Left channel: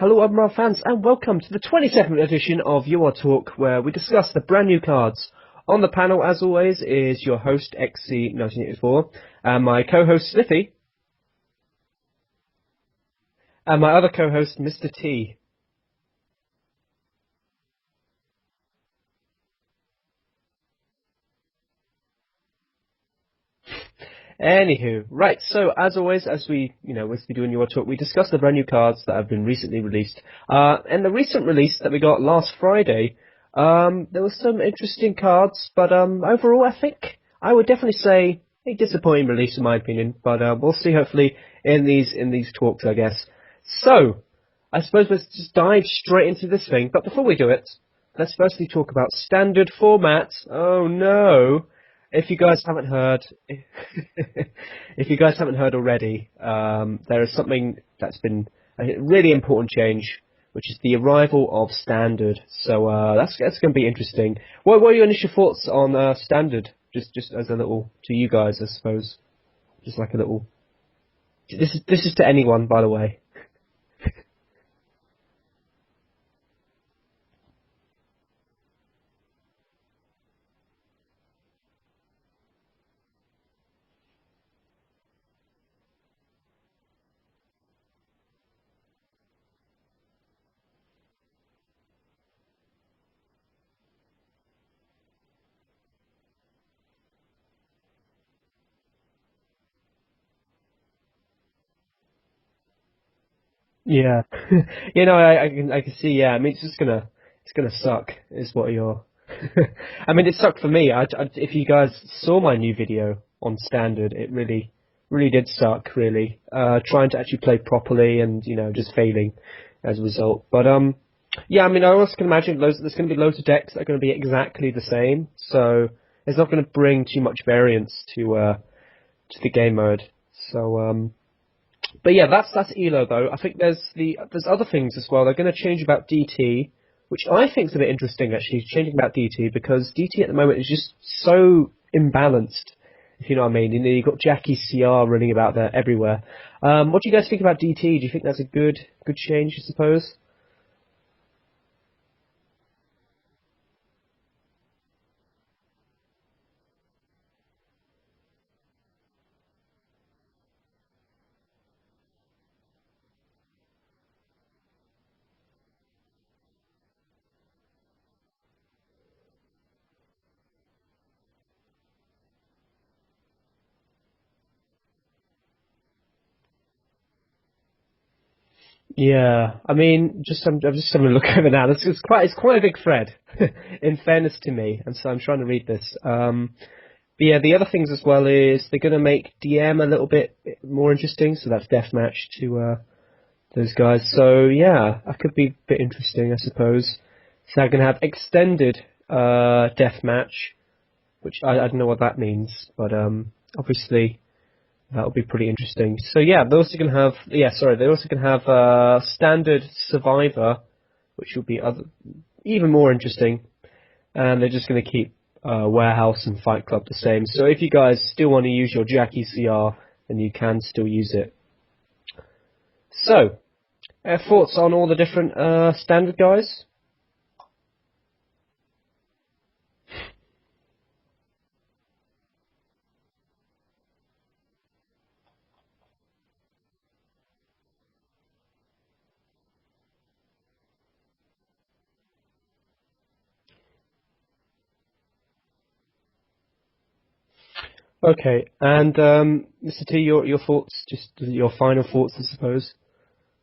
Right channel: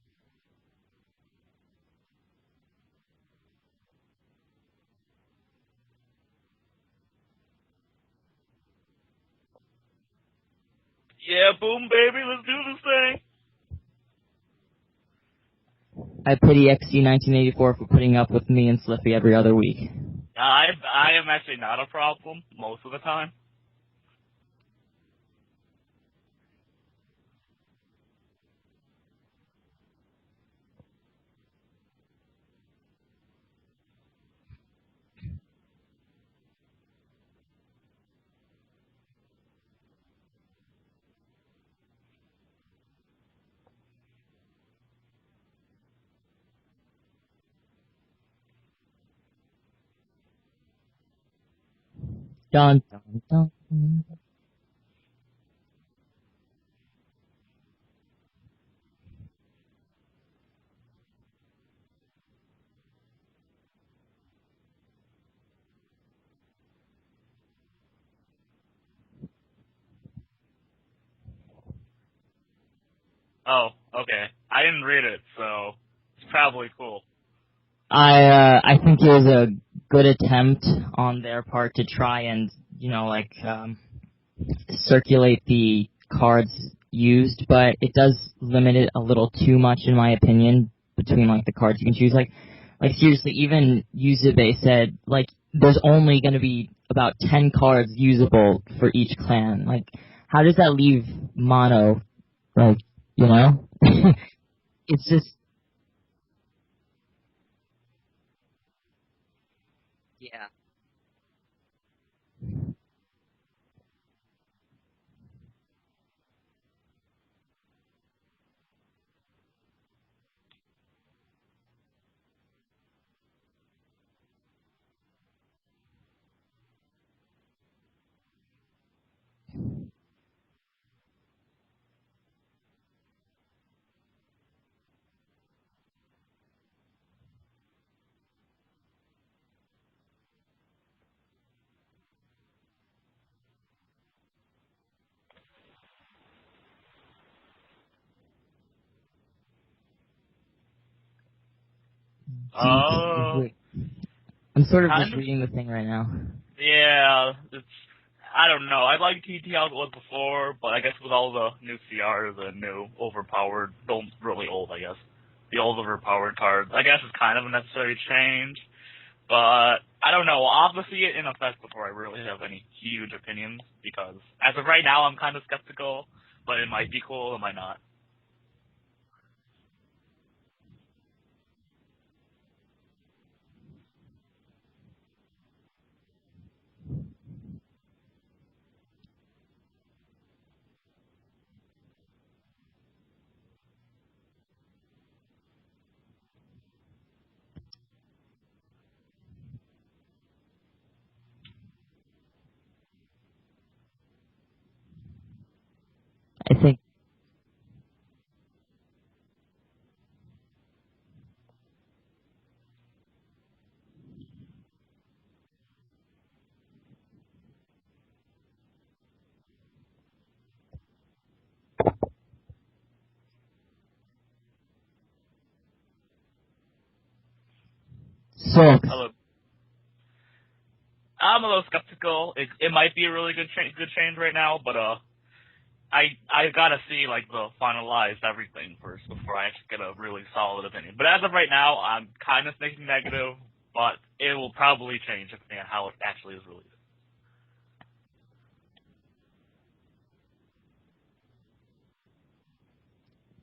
Hello, Admiral fans, and welcome to the 22nd edition of Your Talk, where we discuss the brand new cards. On the panel, as always, is your host, XC1984, and my co-host, Slippy. Yeah, boom, baby, let's do this thing. And my other co-host, Mr. T. I pity XC1984 for putting up with me and Slippy every other week. I am actually not a problem most of the time. Anywho, right, so as always, as we do in Your Talk, we discuss the brand new cards that have been recently released. And the recent release that we got last Friday, there were some interesting cards, but overall I think I would definitely say a disappointing release in my opinion, but we'll see hopefully in these talks, I guess. So, I suppose let's just dive straight into this thing, but before we do it, let's firstly talk about standard format. Oh no! If you guys haven't heard, if you guys haven't heard already, there is something that's been a really important change, which is the arrival of standard. So that's going to be interesting. What were your initial thoughts on standard? Just as a little to you guys, I suppose. Just like a little. This is to anyone, by the way. Oh, okay. I didn't read it, so it's probably cool. I think it was a good attempt on their part to try and, circulate the cards used, but it does limit it a little too much, in my opinion, between, the cards you can choose. Like seriously, even Yuzube said, there's only going to be about 10 cards usable for each clan. How does that leave mono, Yeah. I can see, yeah, I mean, it's gonna suck, is what you're... I mean, it sucked for me. If you guys saw my new video on standard, it really did suck, really. Trying to actually play properly and, just failing as a result. But, yeah, I mean, I also can imagine there's going to be loads of decks that are going to be exactly the same, so it's not going to bring too much variance to the game mode. So, but yeah, that's ELO though. I think there's other things as well. They're going to change about DT, which I think is a bit interesting actually, changing about DT, because DT at the moment is just so imbalanced, if you know what I mean. You've got Jackie CR running about there everywhere. What do you guys think about DT? Do you think that's a good change, I suppose? I'm sort of just reading the thing right now. Yeah, I don't know. I like TT how it was before, but I guess with all the new CRs and new overpowered, really old, I guess. The old overpowered cards, I guess, is kind of a necessary change, but I don't know. I'll have to see it in effect before I really have any huge opinions, because as of right now, I'm kind of skeptical, but it might be cool, it might not. Yeah, I mean, I'm just having a look over now. It's quite a big thread, in fairness to me, and so I'm trying to read this. But yeah, the other things as well is they're going to make DM a little bit more interesting, so that's deathmatch to those guys. So yeah, that could be a bit interesting, I suppose. So they're going to have extended deathmatch, which I don't know what that means, but obviously that'll be pretty interesting. So yeah, they're also going to have standard survivor, which will be even more interesting, and they're just going to keep warehouse and fight club the same. So if you guys still want to use your Jackie CR, then you can still use it. So, thoughts on all the different standard guys? So, I'm a little skeptical. It might be a really good change right now, but I gotta see the finalized everything first before I get a really solid opinion. But as of right now, I'm kind of thinking negative, but it will probably change depending on how it actually is released. Okay, and Mr. T, your thoughts, just your final thoughts, I suppose.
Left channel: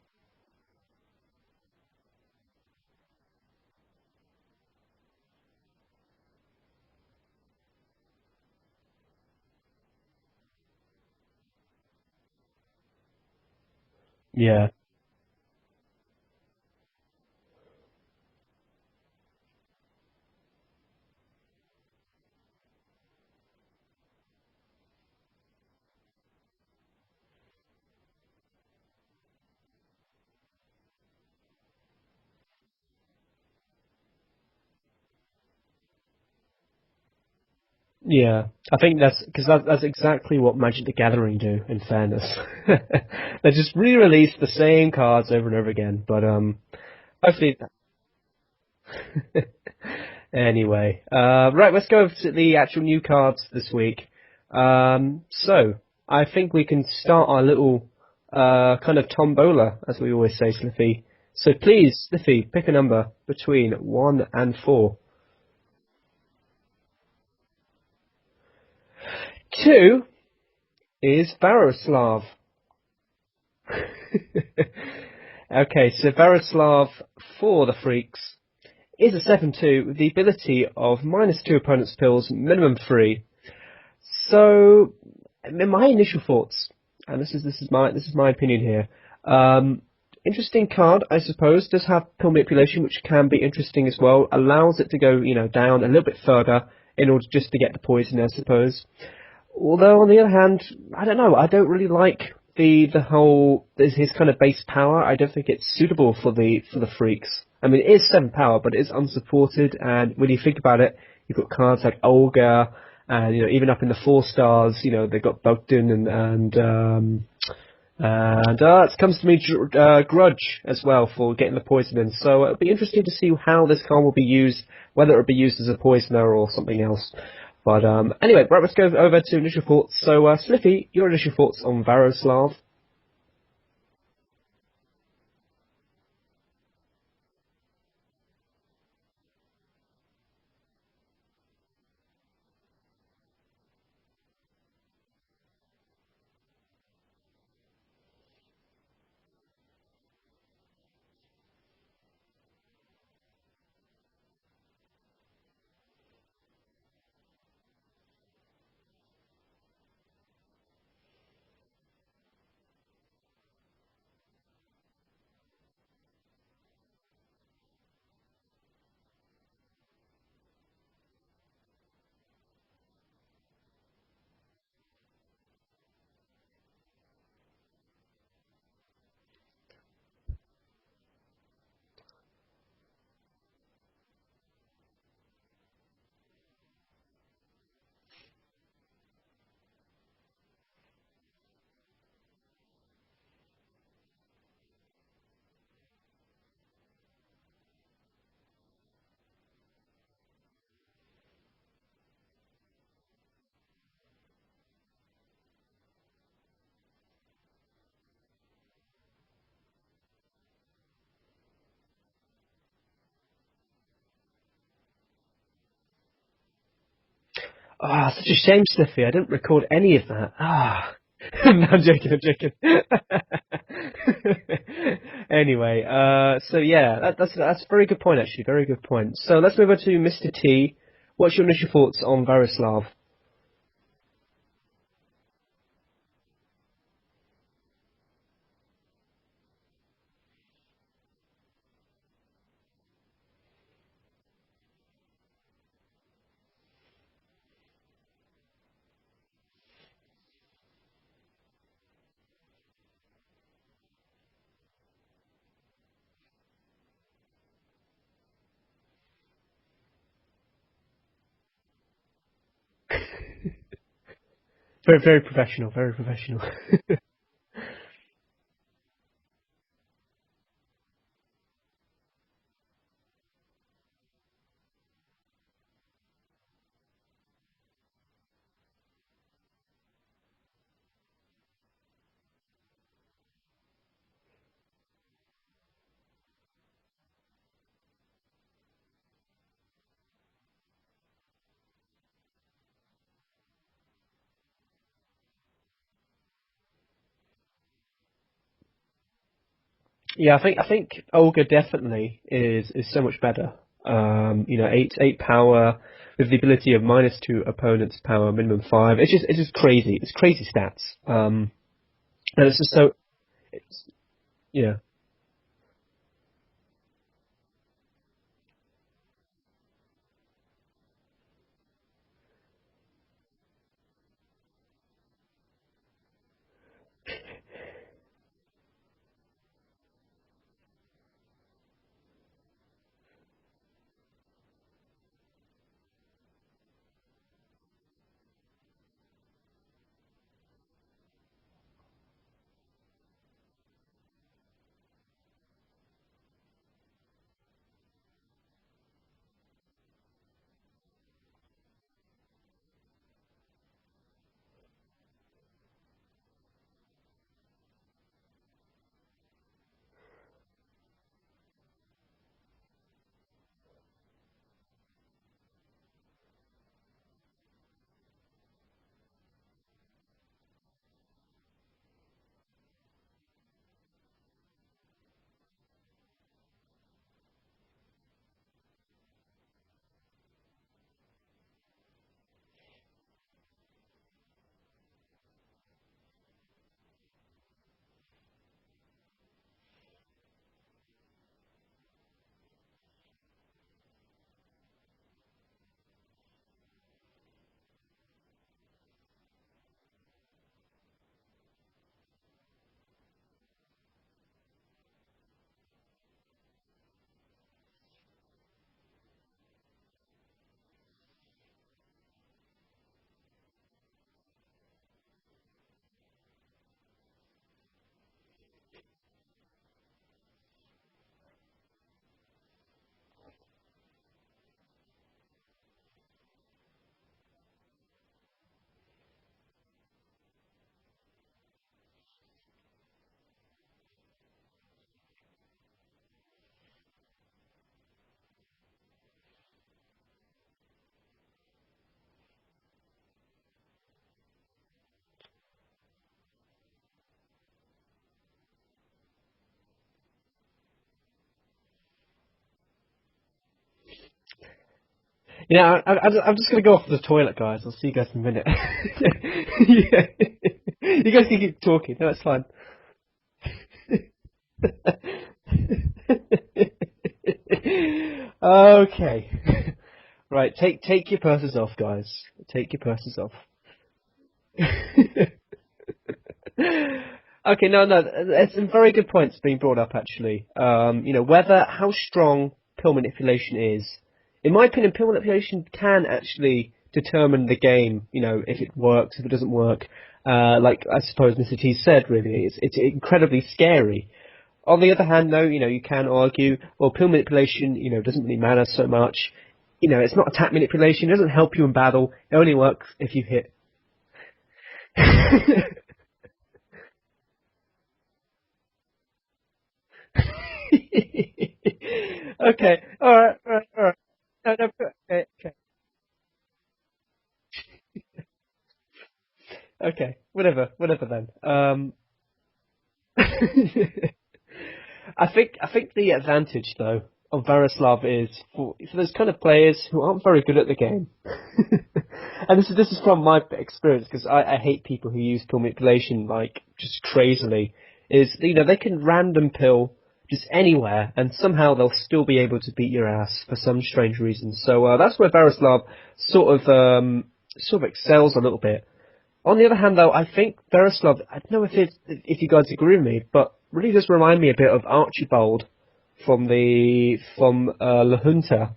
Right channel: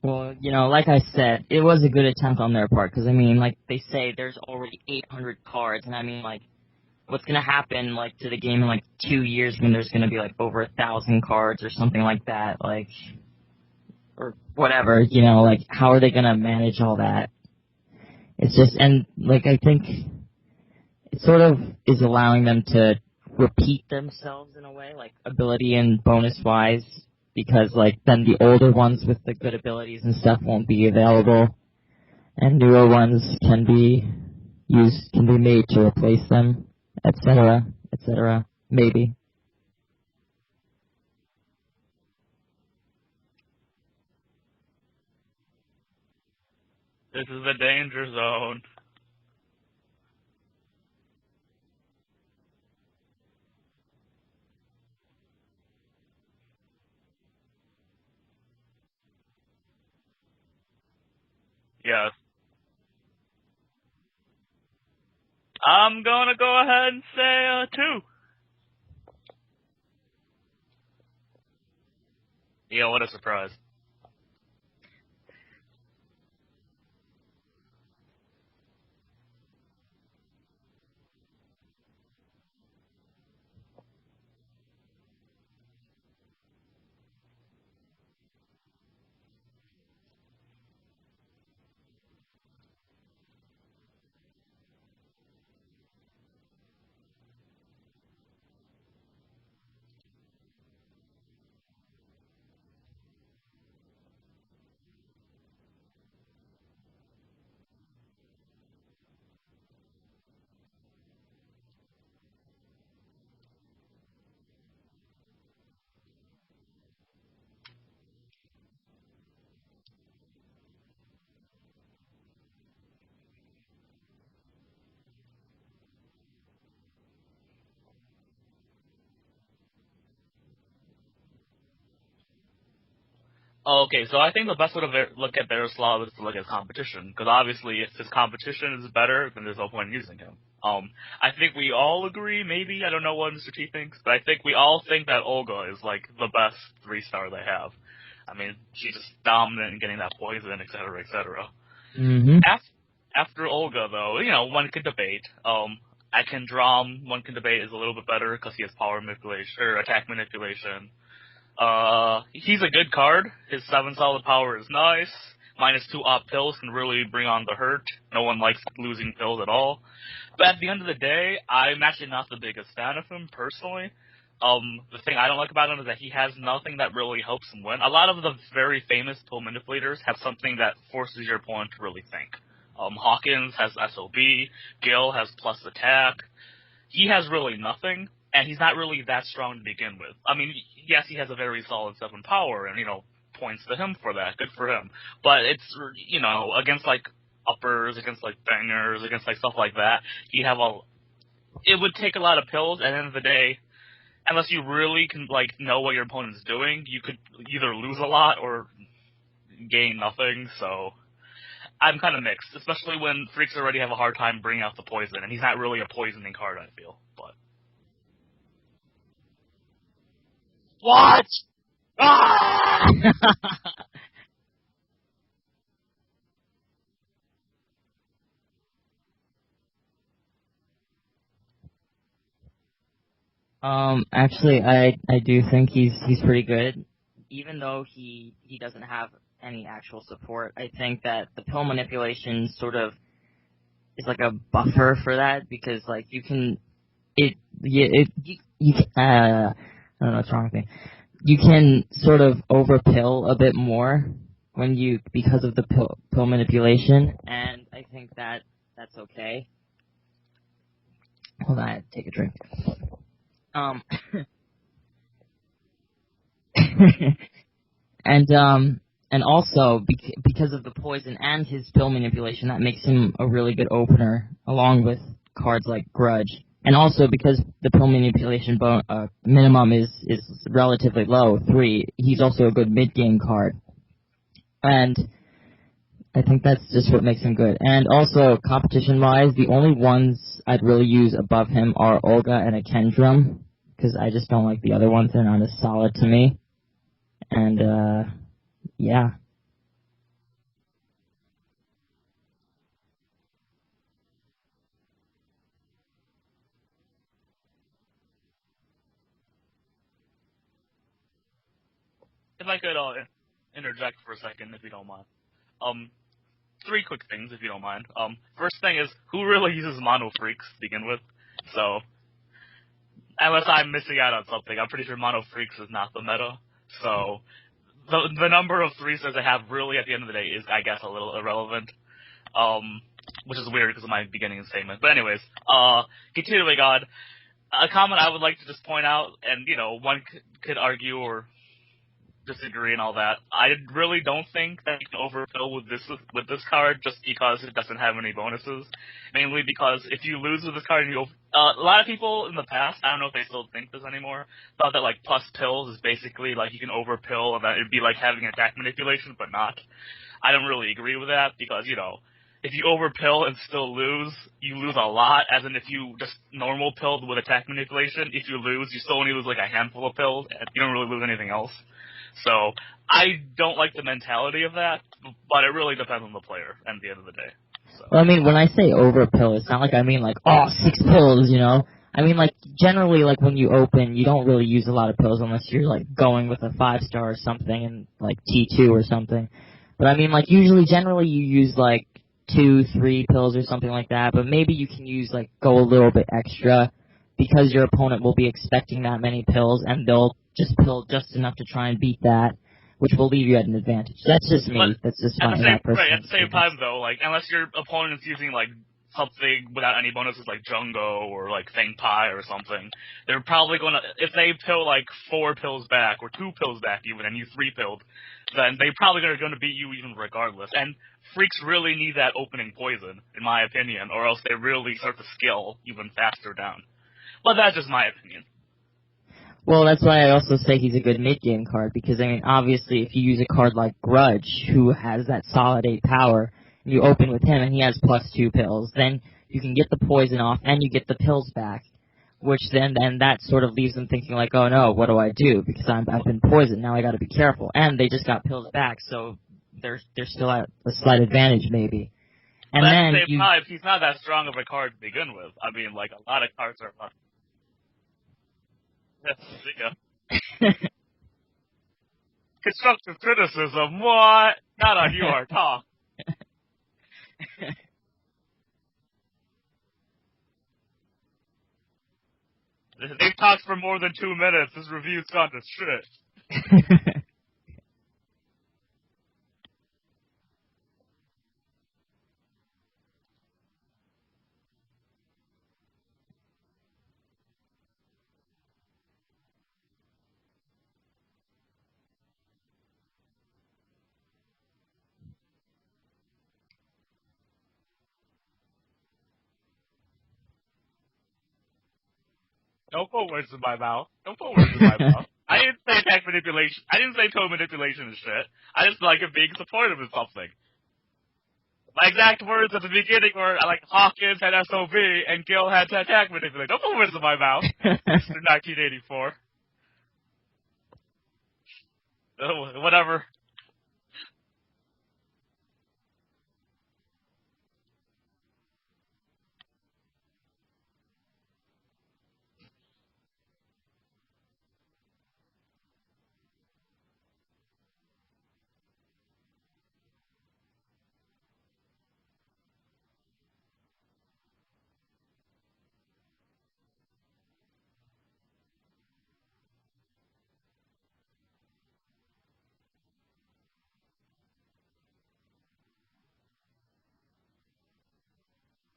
Well, like I said, it was a good attempt on their part, because, I mean, they say there's already 800 cards, and I mean, what's going to happen, to the game in, 2 years when there's going to be, over 1,000 cards or something like that, or whatever, how are they going to manage all that? It's just, and, I think it sort of is allowing them to repeat themselves in a way, ability and bonus-wise, because, then the older ones with the good abilities and stuff won't be available, and newer ones can be made to replace them, etc., Yeah, I think maybe. that's because that's exactly what Magic the Gathering do. In fairness, they just re-release the same cards over and over again. But This is hopefully, the danger zone. anyway, right, let's go over to the actual new cards this week. So I think we can start our little kind of tombola, as we always say, Sliffy. So please, Yeah. Sliffy, pick a number between 1 and 4. I'm gonna go ahead and say 2. 2 is Varoslav. Yeah, what a surprise. Okay, so Varoslav for the Freaks is a 7/2 with the ability of -2 opponent's pills, minimum 3. So, in my initial thoughts, and this is my opinion here. Interesting card, I suppose. Does have pill manipulation, which can be interesting as well. Allows it to go, down a little bit further in order just to get the poison, I suppose. Although on the other hand, I don't know. I don't really like the whole his kind of base power. I don't think it's suitable for the Freaks. I mean, it is 7 power, but it is unsupported. And when you think about it, you've got cards like Olga, and even up in the 4 stars, they've got Bogdan and it comes to me Grudge as well for getting the poison in. So it'll be interesting to see how this card will be used, whether it'll be used as a poisoner or something else. But anyway, right, let's go over to initial thoughts. So, Sliffy, your initial thoughts on Varoslav? Okay, so I think the best way to look at Varoslav is to look at competition, because obviously if his competition is better, then there's no point in using him. I think we all agree, maybe, I don't know what Mr. T thinks, but I think we all think that Olga is, like, the best 3-star they have. I mean, she's just dominant in getting that poison, etc., etc. Mm-hmm. After Olga, though, one could debate. Akendram, one can debate, is a little bit better because he has power manipulation, or attack manipulation. He's a good card. His 7 solid power is nice. -2 op pills can really bring on the hurt. No one likes losing pills at all. But at the end of the day, I'm actually not the biggest fan of him, personally. The thing I don't like about him is that he has nothing that really helps him win. A lot of the very famous pill manipulators have something that forces your opponent to really think. Hawkins has SOB, Gil has plus attack. He has really nothing, and he's not really that strong to begin with. I mean, yes, he has a very solid 7 power, and, points to him for that. Good for him. But it's, against, like, uppers, against, like, bangers, against, like, stuff like that, it would take a lot of pills, and at the end of the day, unless you really can, like, know what your opponent's doing, you could either lose a lot or gain nothing, so I'm kind of mixed, especially when Freaks already have a hard time bringing out the poison, and he's not really a poisoning card, I feel. But Such a shame, Sliffy. I didn't record any of that. What? No, I'm joking. Anyway, so yeah, that's a very good point, actually. Very good point. So let's move on to Mr. T. What's your initial thoughts on Varoslav? Actually, I do think he's pretty good, even though he doesn't have any actual support. I think that the pill manipulation sort of is like a buffer for that, because like I don't know what's wrong with me. You can sort of overpill a bit more because of the pill manipulation, and I think that's okay. Hold on, I have to take a drink. Very, very professional. Very professional. And also because of the poison and his pill manipulation, that makes him a really good opener, along with cards like Grudge. And also because the pill manipulation minimum is relatively low, 3. He's also a good mid-game card, and I think that's just what makes him good. And also, competition-wise, the only ones I'd really use above him are Olga and Akendram, because I just don't like the other ones. They're not as solid to me. And, yeah. Yeah, I think Olga definitely is so much better. 8 power with the ability of -2 opponent's power, minimum 5. It's just crazy. It's crazy stats. And it's just so. Interject for a second, if Yeah. you don't mind. 3 quick things, if you don't mind. First thing is, who really uses Mono Freaks to begin with? So, unless I'm missing out on something, I'm pretty sure Mono Freaks is not the meta. So, the number of 3-stars I have really at the end of the day is, I guess, a little irrelevant. Which is weird because of my beginning statement. But anyways, continuing on, a comment I would like to just point out, and one could argue or disagree and all that. I really don't think that you can overfill with this card just because it doesn't have any bonuses. Mainly because if you lose with this card, a lot of people in the past, I don't know if they still think this anymore, thought that like plus pills is basically like you can overpill and that it'd be like having attack manipulation, but not. I don't really agree with that because if you overpill and still lose, you lose a lot. As in, if you just normal pilled with attack manipulation, if you lose, you still only lose like a handful of pills, and you don't really lose anything else. So I don't like the mentality of that, but it really depends on the player at the end of the day. So. Well, I mean, when I say overpill, it's not like I mean like, 6 pills, I mean, like, generally, like, when you open, you don't really use a lot of pills unless you're, like, going with a 5-star or something and, like, T2 or something. But, I mean, like, generally you use, like, 2, 3 pills or something like that, but maybe you can use, like, go a little bit extra because your opponent will be expecting that many pills, and they'll just pill just enough to try and beat that, which will leave you at an advantage. That's just me. That's just my personal Right, at the same time, though, like, unless your opponent's using, like, something without any bonuses like Jungo or, like, Feng Pai or something, they're probably going to, if they pill, like, 4 pills back, or 2 pills back even, and you 3-pilled, then they probably are going to beat you even regardless. And Freaks really need that opening poison, in my opinion, or else they really start to skill even faster down. But that's just my opinion. Well, that's why I also say he's a good mid-game card, because, I mean, obviously, if you use a card like Grudge, who has that solid 8 power, and you open with him and he has plus 2 pills, then you can get the poison off and you get the pills back, which then that sort of leaves them thinking like, oh no, what do I do? Because I've been poisoned, now I gotta be careful. And they just got pills back, so they're still at a slight advantage, maybe. And but then at the same time, he's not that strong of a card to begin with. I'm just going to go off to the toilet, guys. I'll see you guys in a minute. Yeah. You guys can keep talking. No, it's fine. Constructive criticism, what? Not on your talk. Okay. Right, take your purses off, guys. Take your purses off. They talked for more than 2 minutes. This review's got this shit. Okay, no, there's some very good points being brought up, actually. How strong pill manipulation is. In my opinion, pill manipulation can actually determine the game, if it works, if it doesn't work. Like I suppose Mr. T said, really, it's incredibly scary. On the other hand, though, you can argue, well, pill manipulation, doesn't really matter so much. It's not attack manipulation. It doesn't help you in battle. It only works if you hit. Don't put words in my mouth. I didn't say attack manipulation. I didn't say pill manipulation and shit. I just like it being supportive of something. My exact words at the beginning were like Hawkins had SOB and Gil had attack manipulation. Don't put words in my mouth. Mr. 1984. Okay, whatever then. Whatever. I think the advantage though of Veroslav is for those kind of players who aren't very good at the game. And this is from my experience, because I hate people who use pill manipulation like just crazily. Is they can random pill just anywhere, and somehow they'll still be able to beat your ass for some strange reason. So that's where Veroslav sort of excels a little bit. On the other hand, though, I think Veroslav, I don't know if you guys agree with me, but really does remind me a bit of Archibald from La Junta.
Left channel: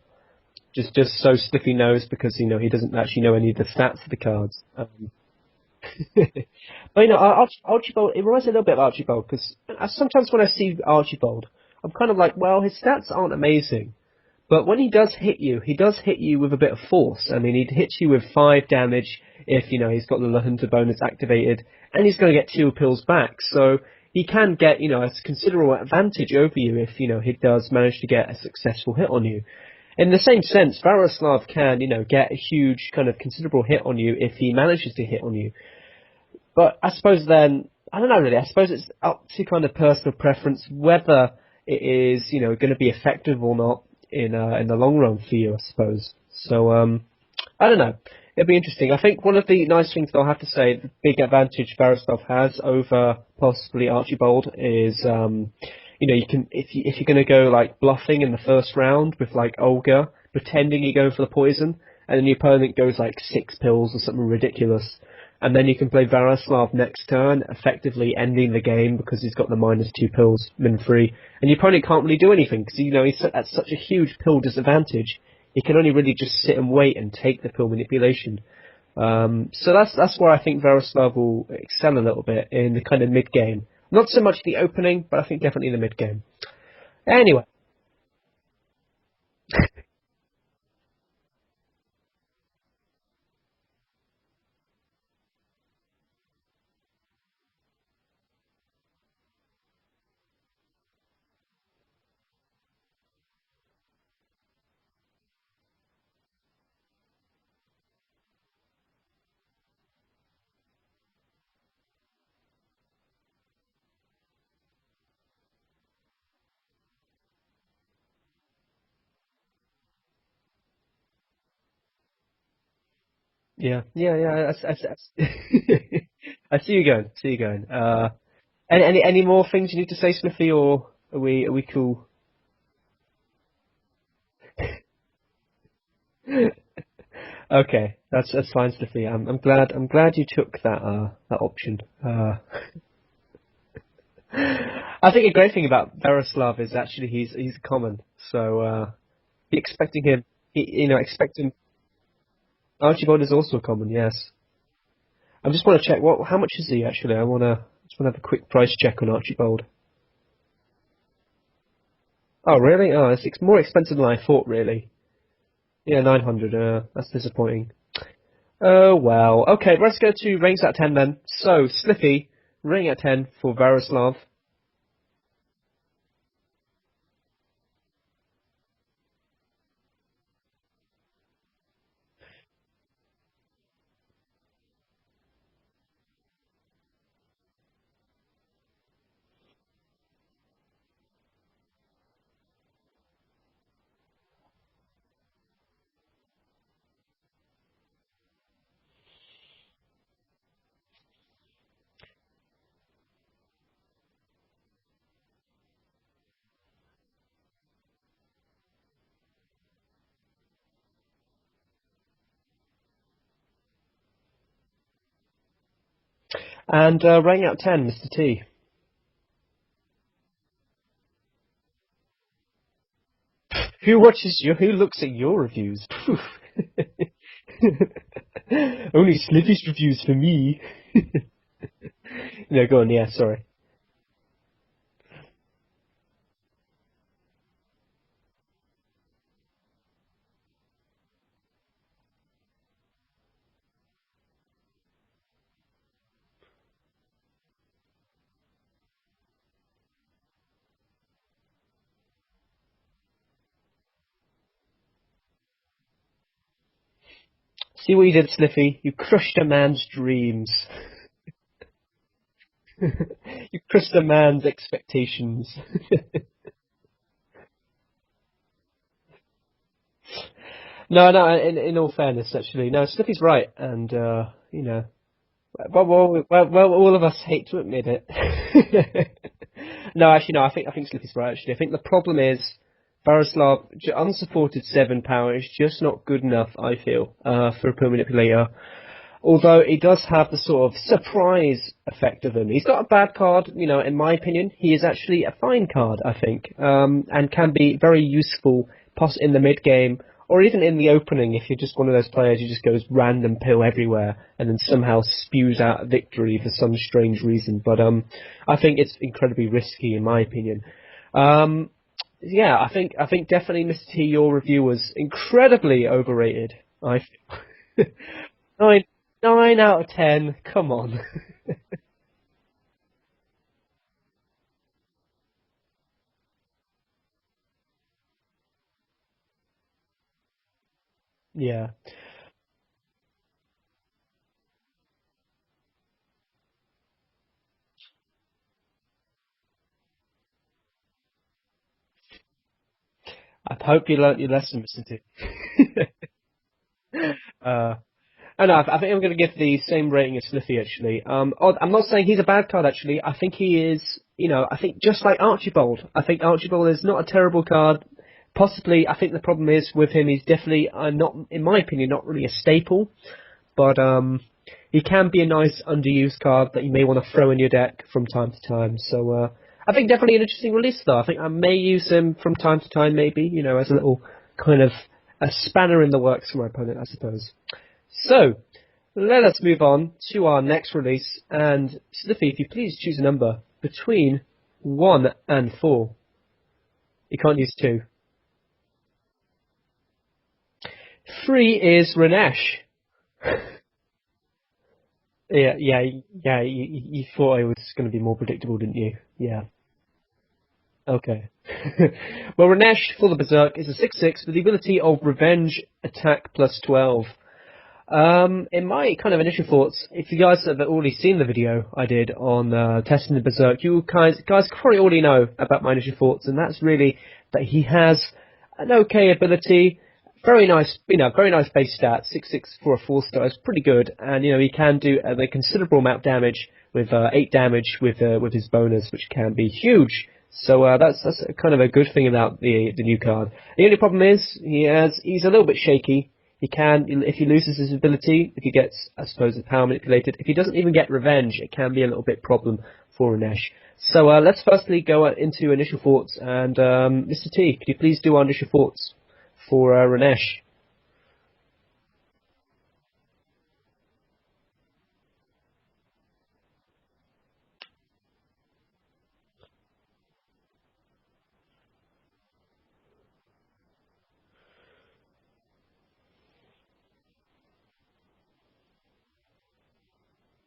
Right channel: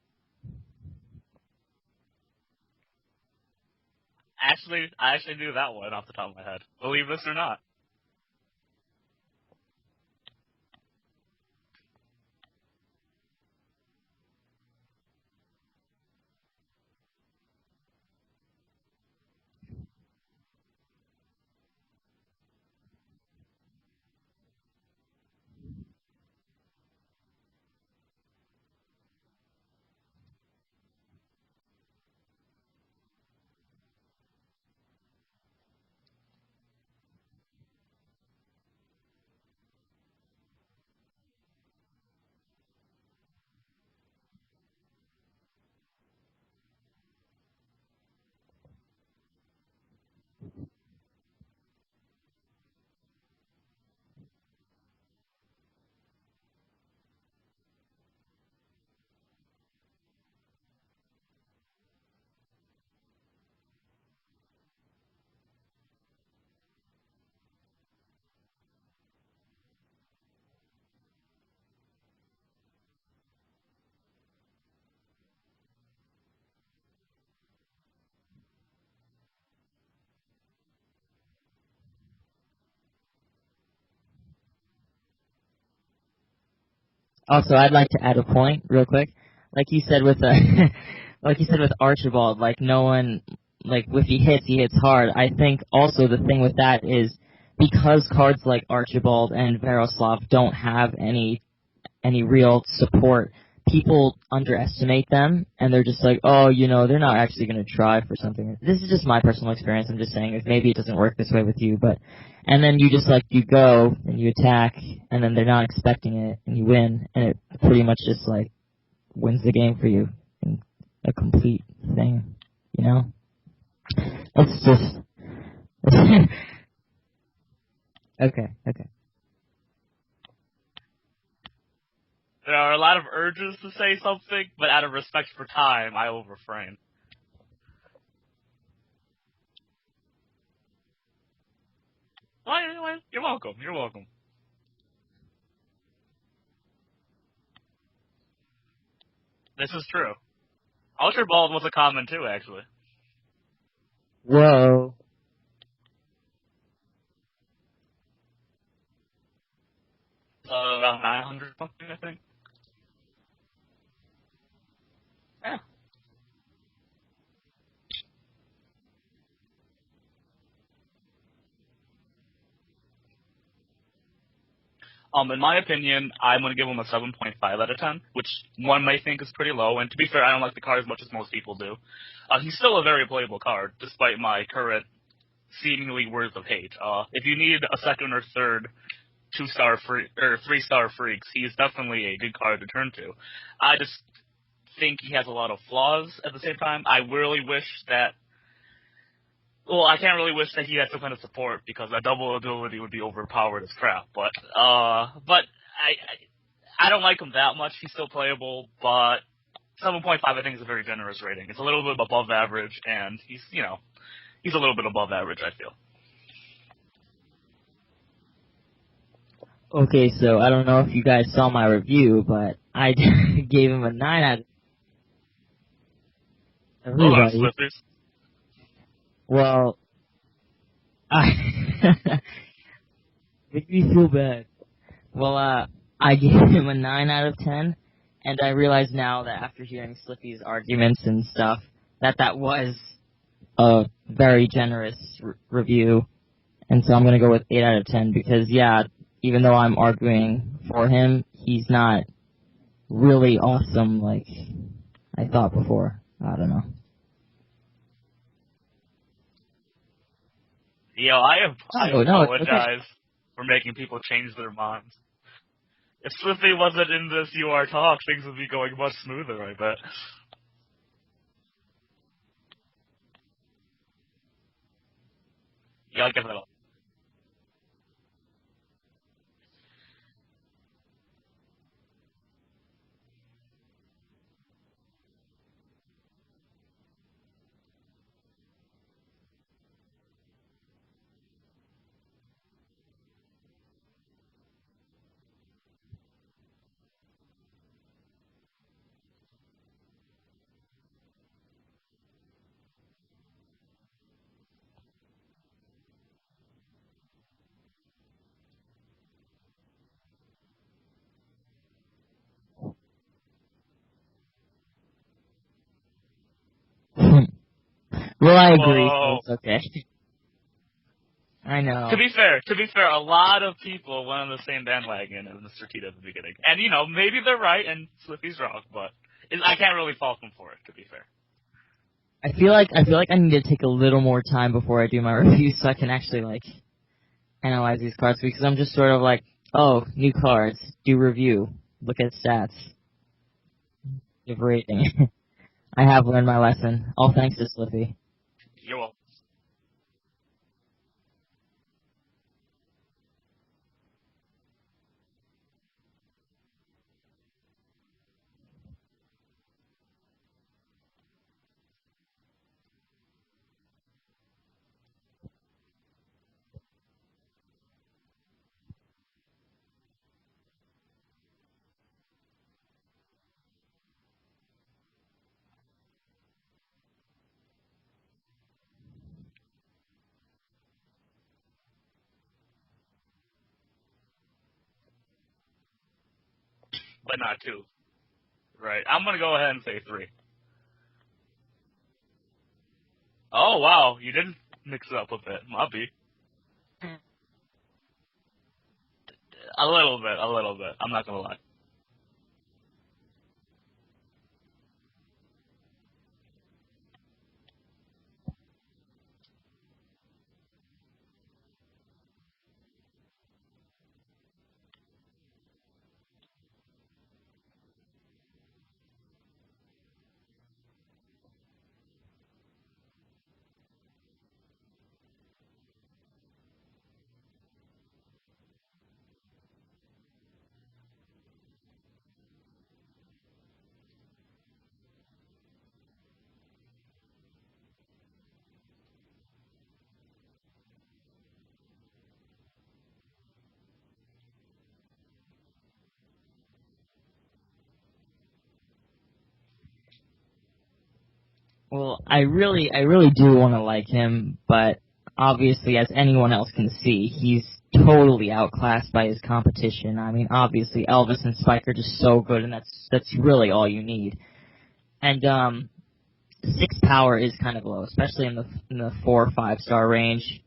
Just so stiffy nosed because he doesn't actually know any of the stats of the cards. I actually knew that one off the top of the head. Archibald, it reminds me a little bit of Archibald, because sometimes when I see Archibald, I'm kind of like, well, his stats aren't amazing, but when he does hit you with a bit of force. I mean, he hits you with 5 damage if he's got the La Junta bonus activated, and he's going to get 2 pills back, so he can get a considerable advantage over you if he does manage to get a successful hit on you. In the same sense, Veroslav can, get a huge kind of considerable hit on you if he manages to hit on you. But I suppose then, I don't know really, I suppose it's up to kind of personal preference whether it is, going to be effective or not in the long run for you, I suppose. So, I don't know. It'll be interesting. I think one of the nice things that I'll have to say, the big advantage Veroslav has over possibly Archibald is, you can if you're going to go like bluffing in the first round with like Olga, pretending you're going for the poison, and then your opponent goes like 6 pills or something ridiculous, and then you can play Veroslav next turn, effectively ending the game because he's got the -2 pills, min-free, and your opponent can't really do anything because he's at such a huge pill disadvantage. He can only really just sit and wait and take the pill manipulation. So that's where I think Veroslav will excel a little bit in the kind of mid game. Not so much the opening, but I think definitely the mid game. Anyway. Also, I'd like to add a point real quick. Like you said with like you said with Archibald, like no one, like if he hits hard. I think also the thing with that is because cards like Archibald and Veroslav don't have any real support, people underestimate them, and they're just like, oh, they're not actually going to try for something. This is just my personal experience. I'm just saying, if maybe it doesn't work this way with you, and then you just, you go, and you attack, and then they're not expecting it, and you win, and it pretty much just, wins the game for you in a complete thing, Yeah. I see you going. Okay. Any more things you need to say, Smithy, or are we cool? There are a lot of urges to say something, but out of respect for time, I will refrain. Okay, that's fine, Smithy. I'm glad you took that option. Well, you're welcome. You're welcome. I think a great thing about Veroslav is actually he's common, so expecting him. Archibald was a common too, actually. Archibald is also a common, yes. Whoa. I just want to check how much is he actually. I just want to have a quick price check on Archibald. Around 900 something, I think. Oh really? Oh, it's more expensive than I thought, really. Yeah. Yeah, 900. That's disappointing. Oh well. Okay, let's go to ratings out of 10 then. So, Slippy, rating out of 10 for Veroslav. In my opinion, I'm going to give him a 7.5 out of 10, which one may think is pretty low, and to be fair, I don't like the card as much as most people do. He's still a very playable card, despite my current seemingly words of hate. If you need a second or third 2-star free or 3-star freaks, he is definitely a good card to turn to. I just think he has a lot of flaws at the same time. I really wish that. Well, I can't really wish that he had some kind of support because a double ability would be overpowered as crap. But I don't like him that much. He's still playable, but 7.5 I think is a very generous rating. It's a little bit above average, and he's a little bit above average, I feel. And rating out of 10, Mr. T. Okay, so I don't know if you guys saw my review, but I gave him a 9 Who looks at your reviews? Everybody. Only Slippy's reviews for me. No, go on. Yeah, sorry. Make me feel bad. Well, I gave him a 9 out of 10, and I realize now that after hearing Slippy's arguments and stuff, that was a very generous review, and so I'm gonna go with 8 out of 10 because even though I'm arguing for him, he's not really awesome like I thought before. I don't know. See what you did, Slippy? You crushed a man's dreams. I apologize for making crushed a man's expectations. If Slippy wasn't in this UR talk, things would be going much smoother, I bet. No, in all fairness, actually. No, Slippy's right, and, all of us hate to admit it. No, actually, no, I think Slippy's right, actually. I think the problem is Veroslav, unsupported 7 power is just not good enough, I feel, for a Pro Manipulator. Although it does have the sort of surprise effect of him. He's got a bad card, in my opinion. He is actually a fine card, I think, and can be very useful in the mid-game, or even in the opening if you're just one of those players who just goes random pill everywhere and then somehow spews out a victory for some strange reason. But I think it's incredibly risky, in my opinion. I think definitely, Mr. T, your review was incredibly overrated. I thought. Well, I agree. 9 out of 10. Come on. I know. To be fair, a lot of people went on the same bandwagon as Mr. T at the beginning, and maybe they're right and Slippy's wrong, but I can't really fault them for it. To be fair. Yeah. I feel like I need to take a little more time before I do my review so I can actually analyze these cards because I'm just sort of oh, new cards, do review. Look at stats. I hope you learnt your lesson. I have learned my lesson. All thanks to Slippy. I think I'm going to give the same rating as Slippy, actually. I'm not saying he's a bad card, actually. I think he is, I think just like Archibald. I think Archibald is not a terrible card. Possibly, I think the problem is with him, he's definitely not, in my opinion, not really a staple. But he can be a nice underused card that you may want to throw in your deck from time to time. So I think definitely an interesting release, though. I think I may use him from time to time, maybe, as a little kind of a spanner in the works for my opponent, I suppose. So, let us move on to our next release. And Slippy, if you please choose a number between 1 and 4. But You can't not use 2. Right. I'm gonna go ahead and say 3. 3 is Renesh. Oh wow, you didn't mix it up with it. Yeah. You thought I was going to be more predictable, didn't you? Yeah. A little bit. I'm not gonna lie. Well, Renesh, for the Berserk, is a 6/6 with the ability of Revenge, Attack plus 12. In my kind of initial thoughts, if you guys have already seen the video I did on testing the Berserk, you guys probably already know about my initial thoughts, and that's really that he has an okay ability, very nice base stat, 6/6 for a 4-star is pretty good, and he can do a considerable amount of damage with 8 damage with his bonus, which can be huge. So that's kind of a good thing about the new card. The only problem is he's a little bit shaky. He can, if he loses his ability, if he gets, I suppose, power manipulated, if he doesn't even get revenge, it can be a little bit problem for Renesh. So let's firstly go into initial thoughts, and Mr. T, could you please do our initial thoughts for Renesh? Well, I really do want to like him, but obviously, as anyone else can see, he's totally outclassed by his competition. I mean, obviously, Elvis and Spike are just so good, and that's really all you need. And 6 power is kind of low, especially in the 4 or 5-star range.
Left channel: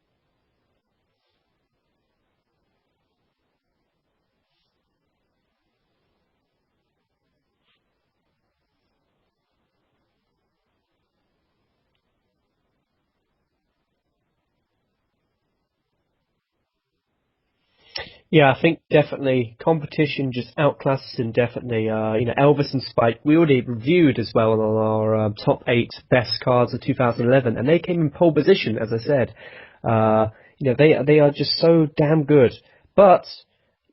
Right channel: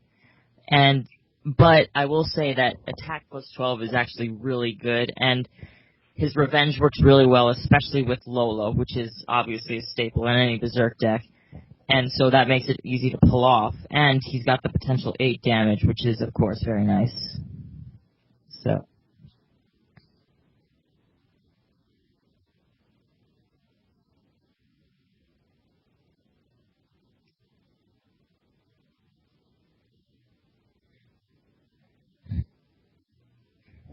But I will say that attack plus 12 is actually really good, and his revenge works really well, especially with Lola, which is obviously a staple in any Berserk deck. And so that makes it easy to pull off. And he's got the potential 8 damage, which is, of course, very nice. Yeah, I think definitely competition just outclasses him, definitely. Elvis and Spike, we already reviewed as well on our top 8 best cards of 2011, and they came in pole position, as I said. They are just so damn good. But,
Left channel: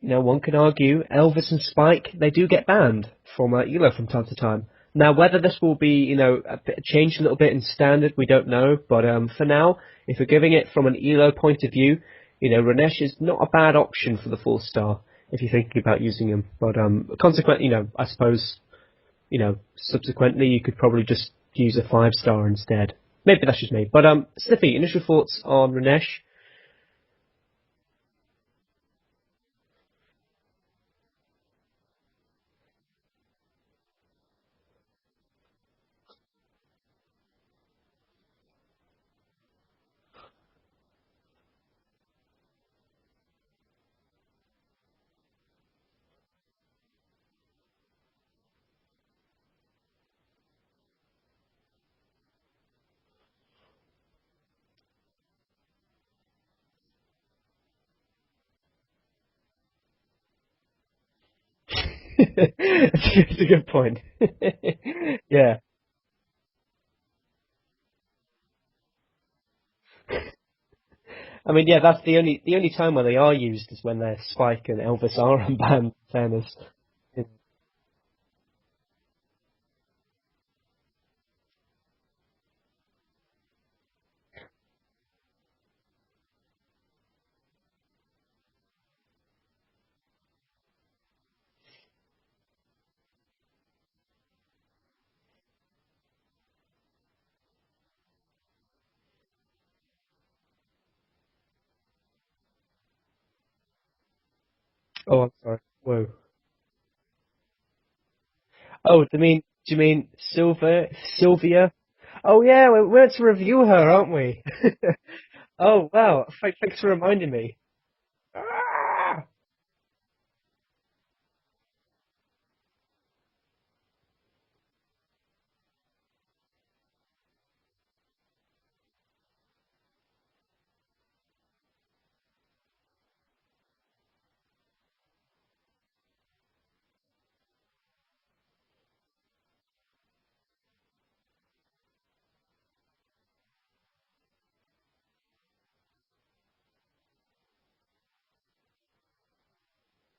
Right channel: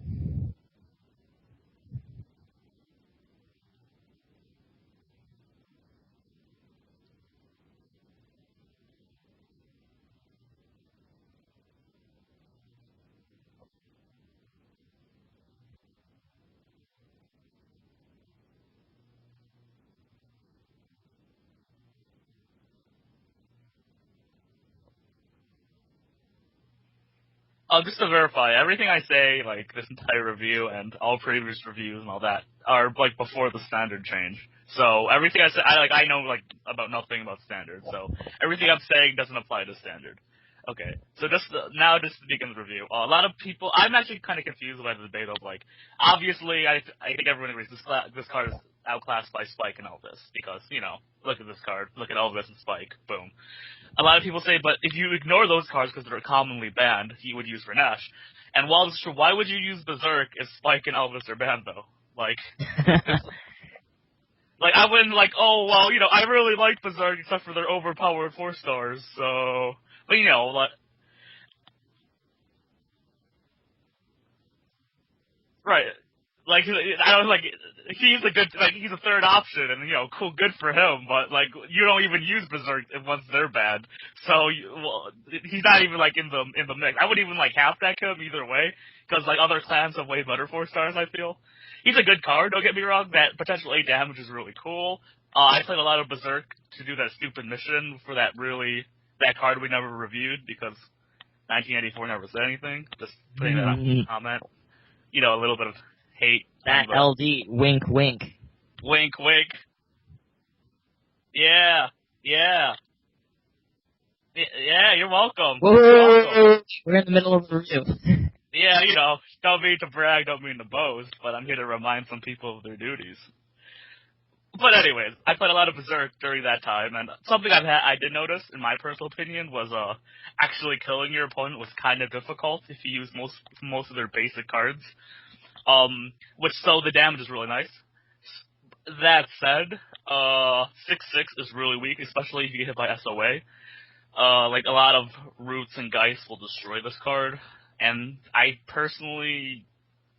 one can argue, Elvis and Spike, they do get banned from ELO from time to time. Now, whether this will be, changed a little bit in standard, we don't know. But for now, if we're giving it from an ELO point of view, Renesh is not a bad option for the 4-star if you're thinking about using him. But consequently, I suppose, subsequently you could probably just use a 5-star instead. Maybe that's just me. But Slippy, initial thoughts on Renesh? Just to verify, everything I say, like this entire review and all previous reviews and all that, are like before the standard change. So everything I say, I know like about nothing about standard. So everything I'm saying doesn't apply to standard. Okay, so just to begin the review, a lot of people, I'm actually kind of confused by the debate of, like, obviously, I think everyone agrees this card is outclassed by Spike and Elvis, because, look at this card, look at Elvis and Spike, boom. A lot of people say, but if you ignore those cards because they're commonly banned, you would use Renesh. And while it's true, why would you use Berserk if Spike and Elvis are banned, though? Like, that's a good point. Like, I wouldn't, Yeah. Oh, well, I really like Berserk except for their overpowered 4-stars, so... But, like... I mean, yeah, that's the only time when they are used is when they're Spike and Elvis are unbanned. Right. Fairness. Like, he's a good, he's a third option, and, cool, good for him, but, you don't even use Berserk once they're bad, so, he's not even, in the mix. I wouldn't even, half-deck him either way, because, other clans have way better 4-stars, I feel. He's a good card, don't get me wrong, that potential 8 damage is really cool. I played a lot of Berserk to do that stupid mission for that card we never reviewed, because 1984 never said anything. Just putting that up in the comment. A little bit of hate. That LD, wink, wink. Wink, do wink. you mean Sylvia? Yeah. Oh yeah, we went to review her, aren't we? Yeah, you're welcome. Thanks for We're in the reminding middle of me. the review. Yeah, don't mean to brag, don't mean to boast, but I'm here to remind some people of their duties. But anyways, I played a lot of Berserk during that time, and something I did notice, in my personal opinion, was actually killing your opponent was kind of difficult if you use most of their basic cards. So the damage is really nice. That said, 6/6 is really weak, especially if you get hit by SOA. A lot of Roots and Geist will destroy this card, and I personally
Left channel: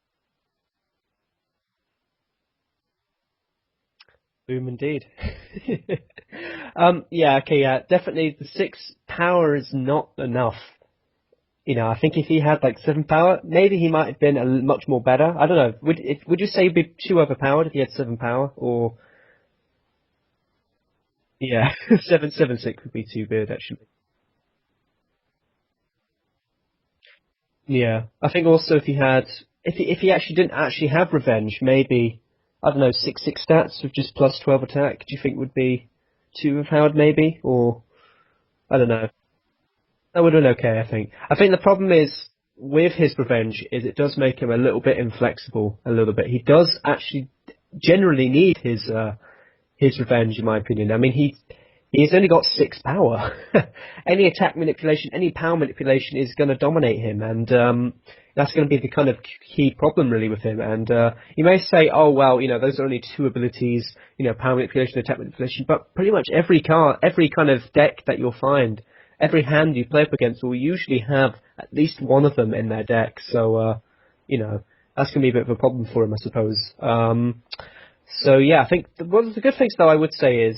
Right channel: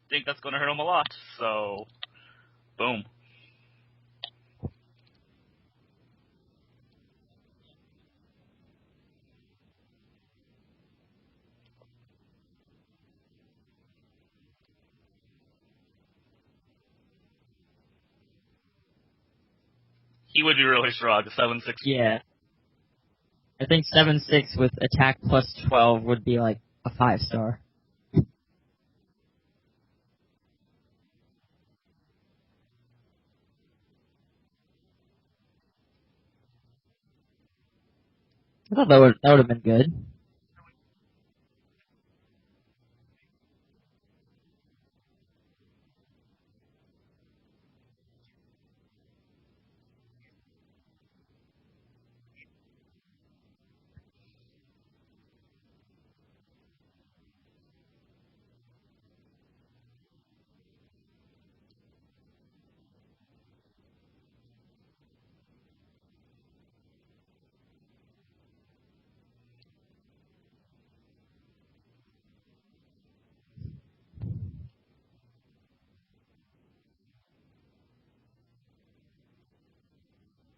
think that's going to hurt him a lot, so boom. Boom indeed. Definitely the 6 power is not enough. I think if he had 7 power, maybe he might have been much more better. I don't know. Would you say he'd be too overpowered if he had 7 power, or? He would be really strong. Yeah, Yeah. 776 would be too good, I actually. think 7-6 with attack plus 12 would be like a 5-star. Yeah, I think also if he actually didn't actually have revenge, maybe, I don't know, 6/6 stats with just plus 12 attack, do you think would be too overpowered maybe? Or, I don't know. That would have been good. That would have been okay, I think. I think the problem is, with his revenge, is it does make him a little bit inflexible, a little bit. He does actually generally need his revenge, in my opinion. I mean, he's only got 6 power. Any attack manipulation, any power manipulation is going to dominate him, and that's going to be the kind of key problem really with him. And you may say, oh well, those are only 2 abilities, power manipulation, attack manipulation, but pretty much every kind of deck that you'll find, every hand you play up against will usually have at least one of them in their deck. So that's going to be a bit of a problem for him, I suppose. So yeah, I think one of the good things though I would say is,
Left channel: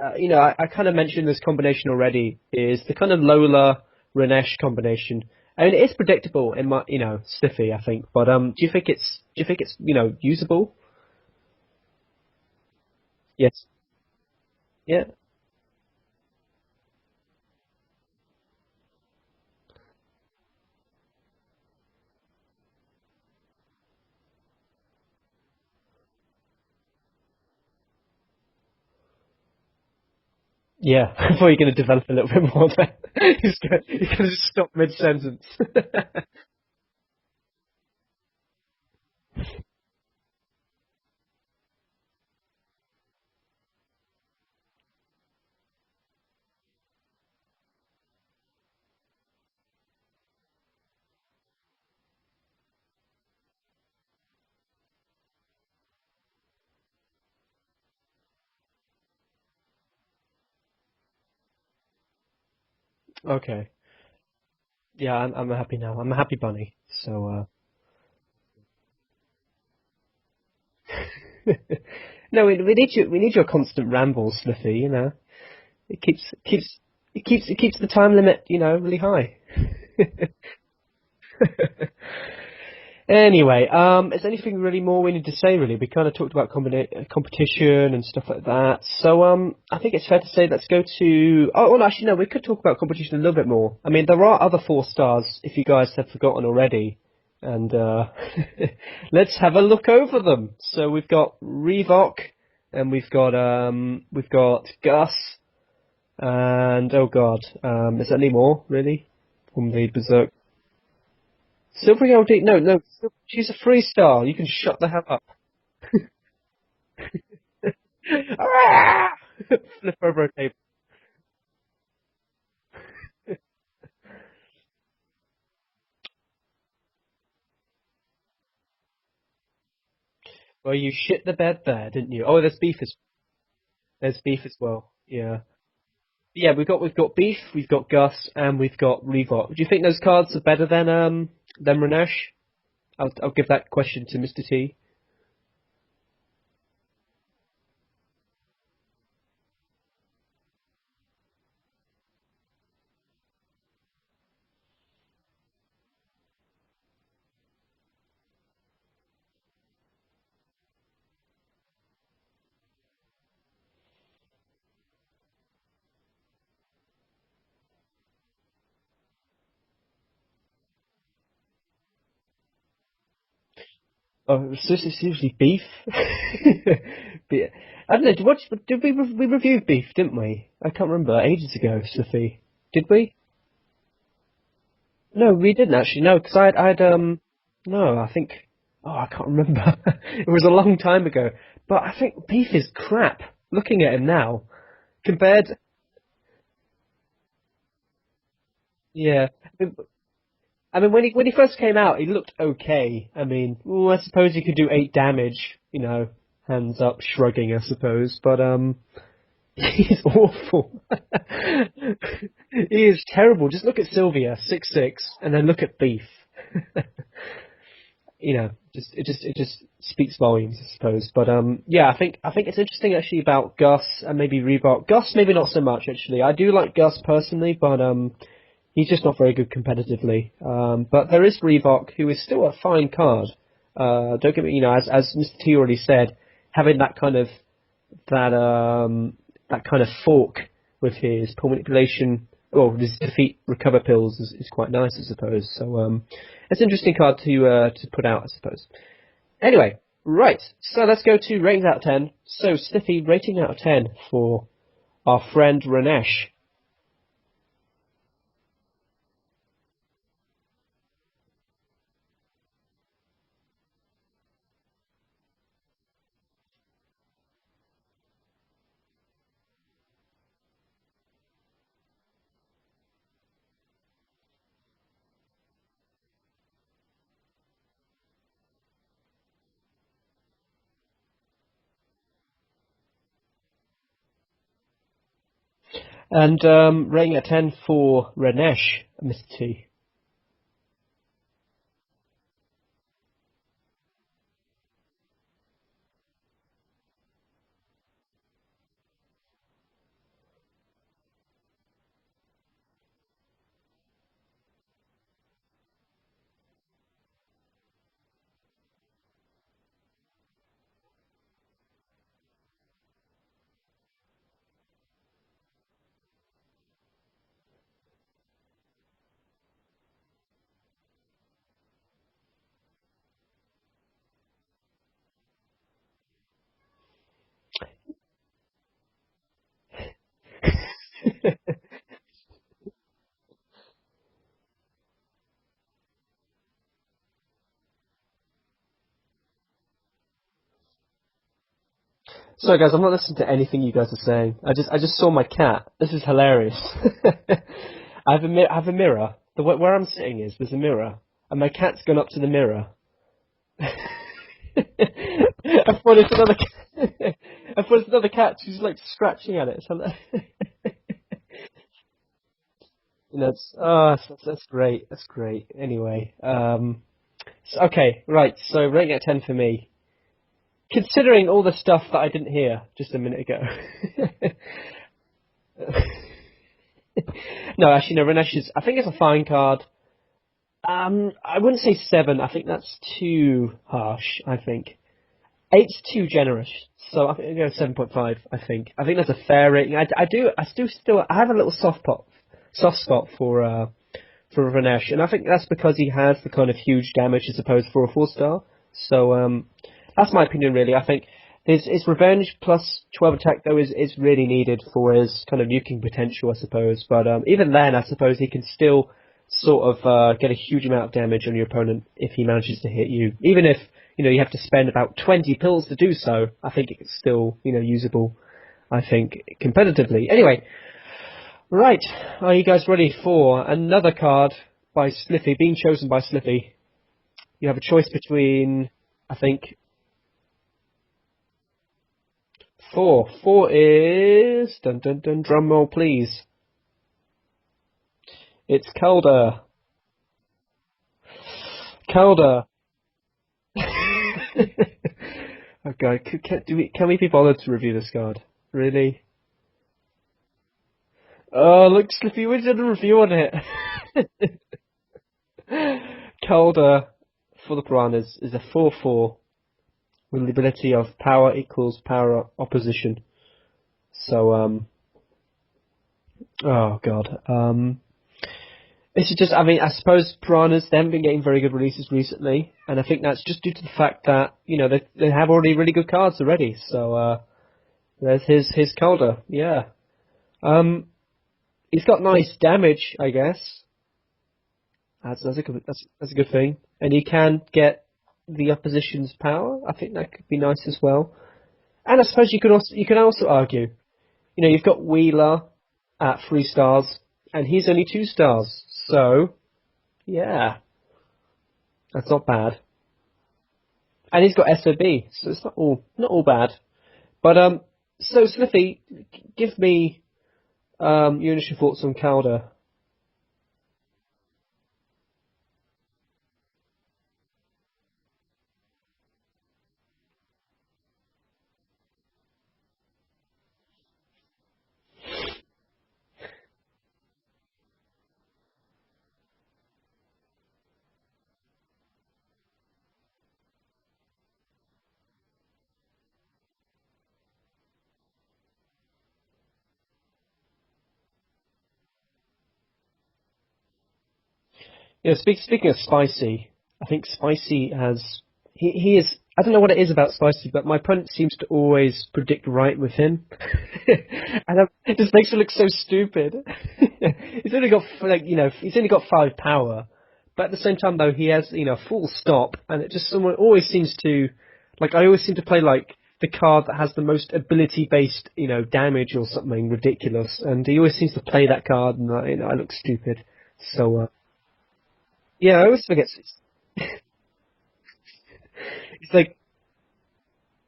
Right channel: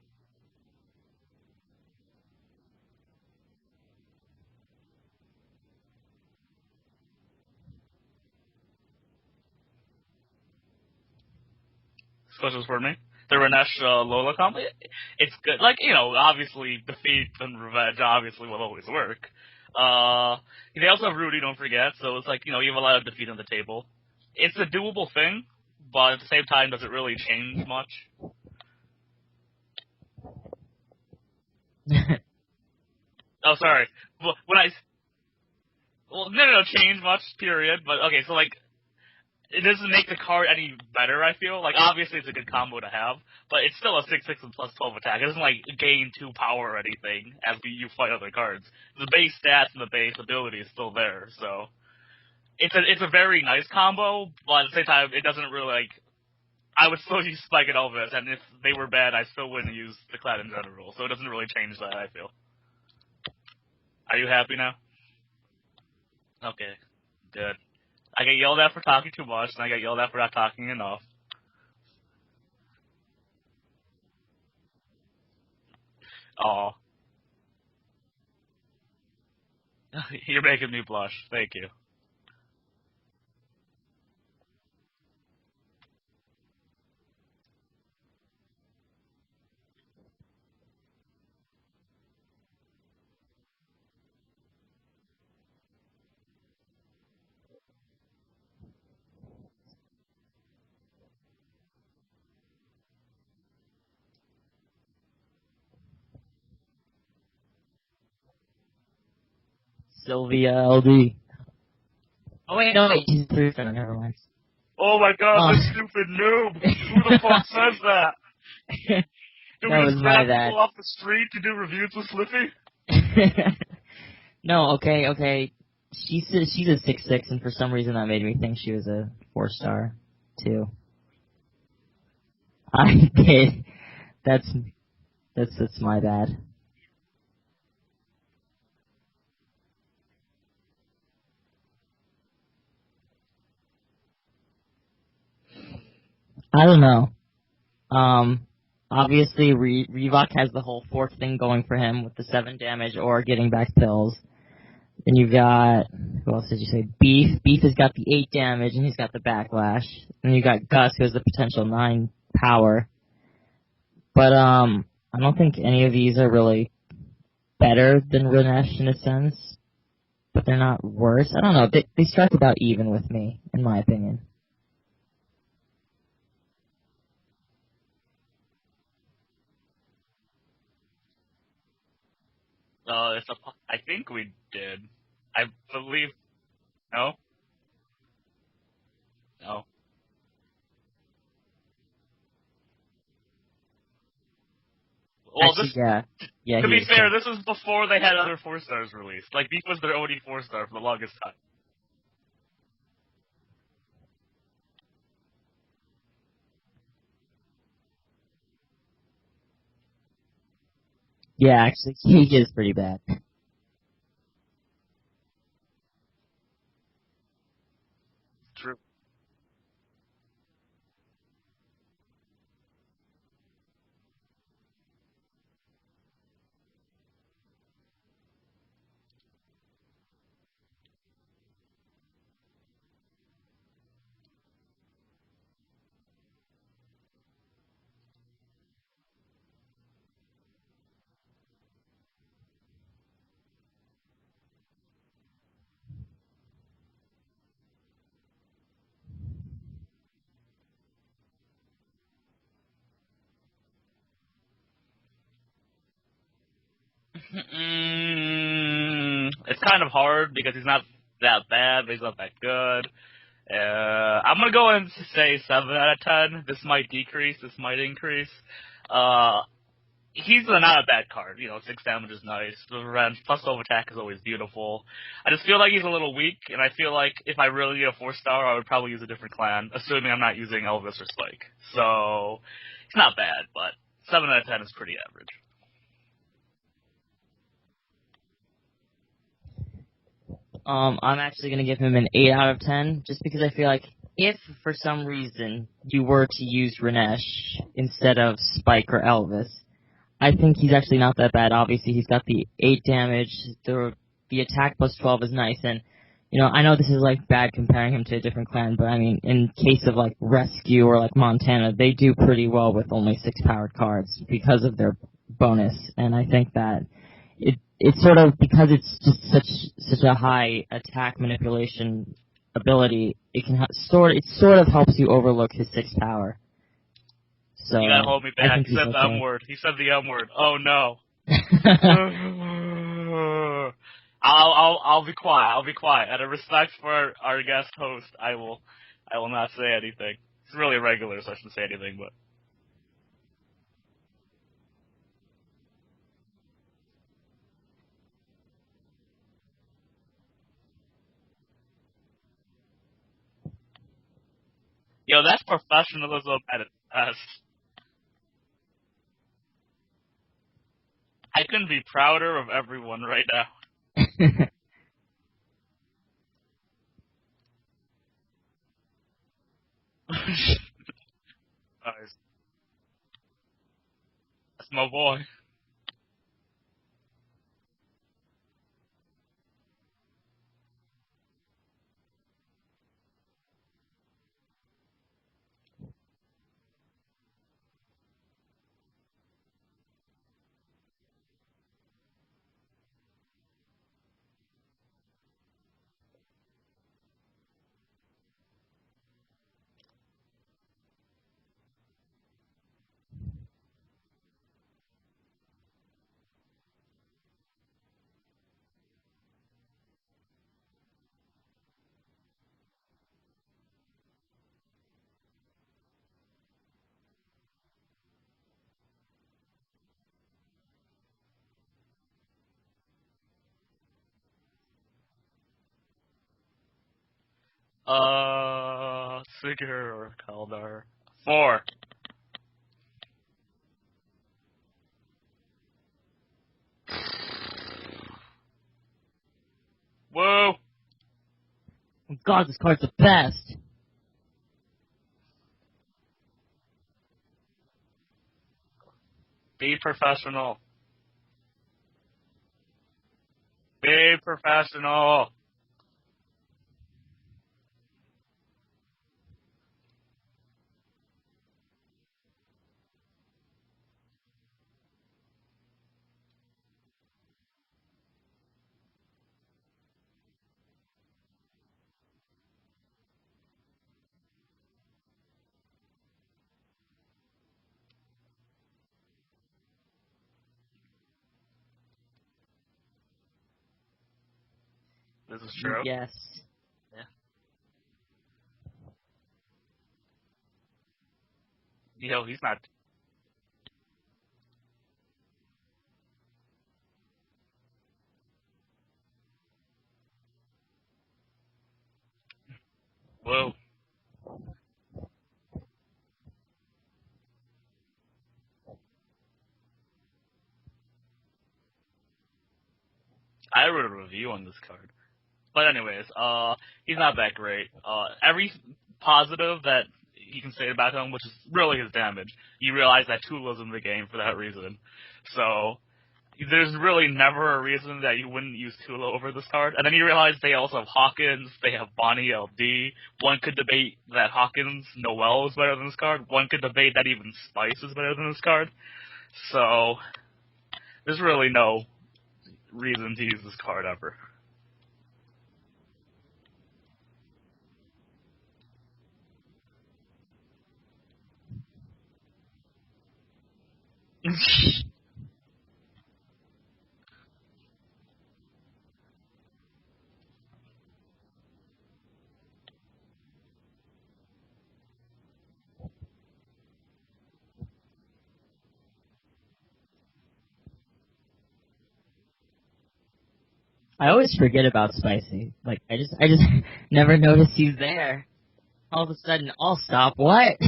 I kind of mentioned this combination already, is the kind of Lola Renesh combination. I mean, it is predictable in my, Sliffy, I think. But do you think it's usable? Questions for me. The Yes. Renesh Lola combo. Yeah. It's good. Like, obviously defeat and revenge obviously will always work. They also have Rudy, don't forget. So it's like, you have a lot of defeat on the table. It's a doable thing, but at the same time, does it really change much? Yeah, I thought you were going to develop a little bit more there. Oh, sorry. You could have stopped mid-sentence. Well, no, change much, period. But, okay, so, like, it doesn't make the card any better, I feel. Like, obviously it's a good combo to have, but it's still a 6/6 and plus 12 attack. It doesn't, like, gain 2 power or anything as you fight other cards. The base stats and the base ability is still there, so... It's a very nice combo, but at the same time, it doesn't really, like... I would still use Spike and Elvis, and if they were bad, I still wouldn't use the Clad in general, so it doesn't really change that, I feel. Okay. Are you happy now? Yeah, I'm happy now. I'm a happy bunny. Okay. So, Good. I get yelled at for talking too much, and I get yelled at for not talking enough. No, we need your constant rambles, Sliffy. It keeps the time limit, really high. You're making me blush. Thank you. Anyway, is there anything really more we need to say? Really, we kind of talked about competition and stuff like that. So, I think it's fair to say let's go to. Oh, well, actually, no, we could talk about competition a little bit more. I mean, there are other 4-stars if you guys have forgotten already. And let's have a look over them. So we've got Revoc, and we've got Gus, and oh god, is there any more really from the Berserk? Sylvia LD. Sylvia LD? No, Wait, no, no, she's a 3-star. You can shut the Oh hell my up. god, this stupid noob! Who the fuck says that? Do That we was just my grab bad. people off the street to do reviews with Sliffy? No, okay. She's a 6/6, and for some reason that made me think she was a 4-star too. Well, you shit the bed there, didn't you? Oh, there's Beef. I did. There's Beef That's- as well. Yeah. That's my bad. Yeah, we've got Beef, we've got Gus, and we've got Revoc. Do you think those cards are better than Renesh? I'll give that question to Mr. T. I don't know. Obviously Revoc has the whole 4th thing going for him with the 7 damage or getting back pills. Then you've got, who else did you say? Beef. Beef has got the 8 damage and he's got the backlash. And you got Gus who has the potential 9 power. But I don't think any of these are really better than Renesh in a sense. But they're not worse. I don't know. They strike about even with me, in my opinion. Oh, it's usually Beef. I don't know. Did we review Beef, didn't we? I can't remember. Ages ago, Sophie. Did we? I think we did. No, we didn't actually. No, because I'd No? No, I think. Oh, I can't remember. It was a long time ago. But I think Beef is crap. Looking at him now, compared. Well, Actually, yeah. To he be is fair, good. this was before they had other 4-stars released. Yeah. Like, Beef was their only 4-star. I mean, when he first came out, he looked okay. I mean, I suppose he could do 8 damage. Hands up, shrugging, I suppose. But he's awful. Yeah, actually, he is pretty He bad. is terrible. Just look at Sylvia, 6/6, and then look at Beef. True. It just speaks volumes, I suppose. But yeah, I think it's interesting actually about Gus and maybe Reebok. Gus maybe not so much actually. I do like Gus personally, but he's just not very good competitively. But there is Reebok, who is still a fine card. Don't get me, as Mr. T already said, having that kind of that kind of fork with his pull manipulation, well, his defeat recover pills is quite nice, I suppose. So it's an interesting card to put out, I suppose. Anyway, right. So let's go to ratings out of 10. So Sniffy, rating out of 10 for our friend Renesh. It's kind of hard because he's not that bad, but he's not that good. I'm gonna go and say 7 out of 10. This might decrease, this might increase. He's not a bad card. 6 damage is nice. The revenge plus over attack is always beautiful. I just feel like he's a little weak, and I feel like if I really need a 4-star, I would probably use a different clan, assuming I'm not using Elvis or Spike. So, he's not bad, but 7 out of 10 is pretty average. And rating at 10 for Renesh, Mr. T. I'm actually going to give him an 8 out of 10, just because I feel like if, for some reason, you were to use Renesh instead of Spike or Elvis, I think he's actually not that bad. Obviously, he's got the 8 damage, the attack plus 12 is nice, and, I know this is, bad comparing him to a different clan, but, I mean, in case of, Rescue or, Montana, they do pretty well with only 6 powered cards because of their bonus, and I think that it's sort of, because it's just such a high attack manipulation ability, it sort of helps you overlook his 6 power. So you gotta hold me back. He said the M word. He said the M word. Oh no. I'll be quiet. I'll be quiet. Out of respect for our guest host, I will not say anything. It's really irregular, so I shouldn't say anything. But sorry, guys, I'm not listening to anything you guys are saying. I just saw my cat. This is hilarious. I have a mirror. Where I'm sitting there's a mirror, and my cat's gone up to the mirror. Yo, that's professional. I thought it's another cat. She's scratching at it. I couldn't be prouder of everyone now. Oh, that's great. That's great. Anyway, okay, right. So rating at 10 for me. Considering all the stuff that I didn't hear just a minute ago. My boy. No, actually, no. Renesh I think it's a fine card. I wouldn't say 7. I think that's too harsh. I think 8's too generous. So I think I'll go 7.5. I think that's a fair rating. I have a little soft spot for Renesh, and I think that's because he has the kind of huge damage as opposed for a 4-star. So that's my opinion, really. I think his revenge plus 12 attack though is really needed for his kind of nuking potential, I suppose. But even then, I suppose he can still sort of get a huge amount of damage on your opponent if he manages to hit you. Even if you have to spend about 20 pills to do so, I think it's still usable. I think competitively. Anyway, right, are you guys ready for another card by Sliffy, being chosen by Sliffy? You have a choice between, I think, Figure or Kaldar. 4. 4. 4 is dun dun dun. Drum roll, please. It's Kaldar. Whoa. Kaldar. God, this card's the best. Okay, can we be bothered to review this card? Really? Be professional. Oh, look, Slippy, we did a review on it. Be professional. Kaldar for the Piranhas is a 4/4 with the ability of power equals power opposition. So, oh god. This is just, I suppose Piranhas, they haven't been getting very good releases recently, and I think that's just due to the fact that, they have already really good cards already, so, there's his Kaldar, yeah. He's got nice damage, I guess. That's a good thing. And he can get the opposition's power, I think that could be nice as well. And I suppose you can also argue, you've got Wheeler at 3 stars, and he's only 2 stars. So, yeah, that's not bad. Whoa. And he's got SOB, so it's not all bad. But so Sliffy, give me your initial thoughts on Kaldar. I wrote a review on this card, but anyways, he's not that great. Every positive that you can say about him, which is really his damage, you realize that Tula's in the game for that reason. So there's really never a reason that you wouldn't use Tula over this card. And then you realize they also have Hawkins, they have Bonnie LD. One could debate that Hawkins Noel is better than this card. One could debate that even Spice is better than this card. So there's really no reason to use this card ever. Yeah, speaking of Spicy, I think Spicy has... He is... I don't know what it is about Spicy, but my opponent seems to always predict right with him. And it just makes me look so stupid. He's only got, he's only got 5 power. But at the same time, though, he has, full stop. And it just always seems to... I always seem to play, the card that has the most ability-based, damage or something ridiculous. And he always seems to play that card, and I look stupid. So I always forget about Spicy. Yeah, I always forget. I just never notice he's there. All of a sudden, I'll stop. What?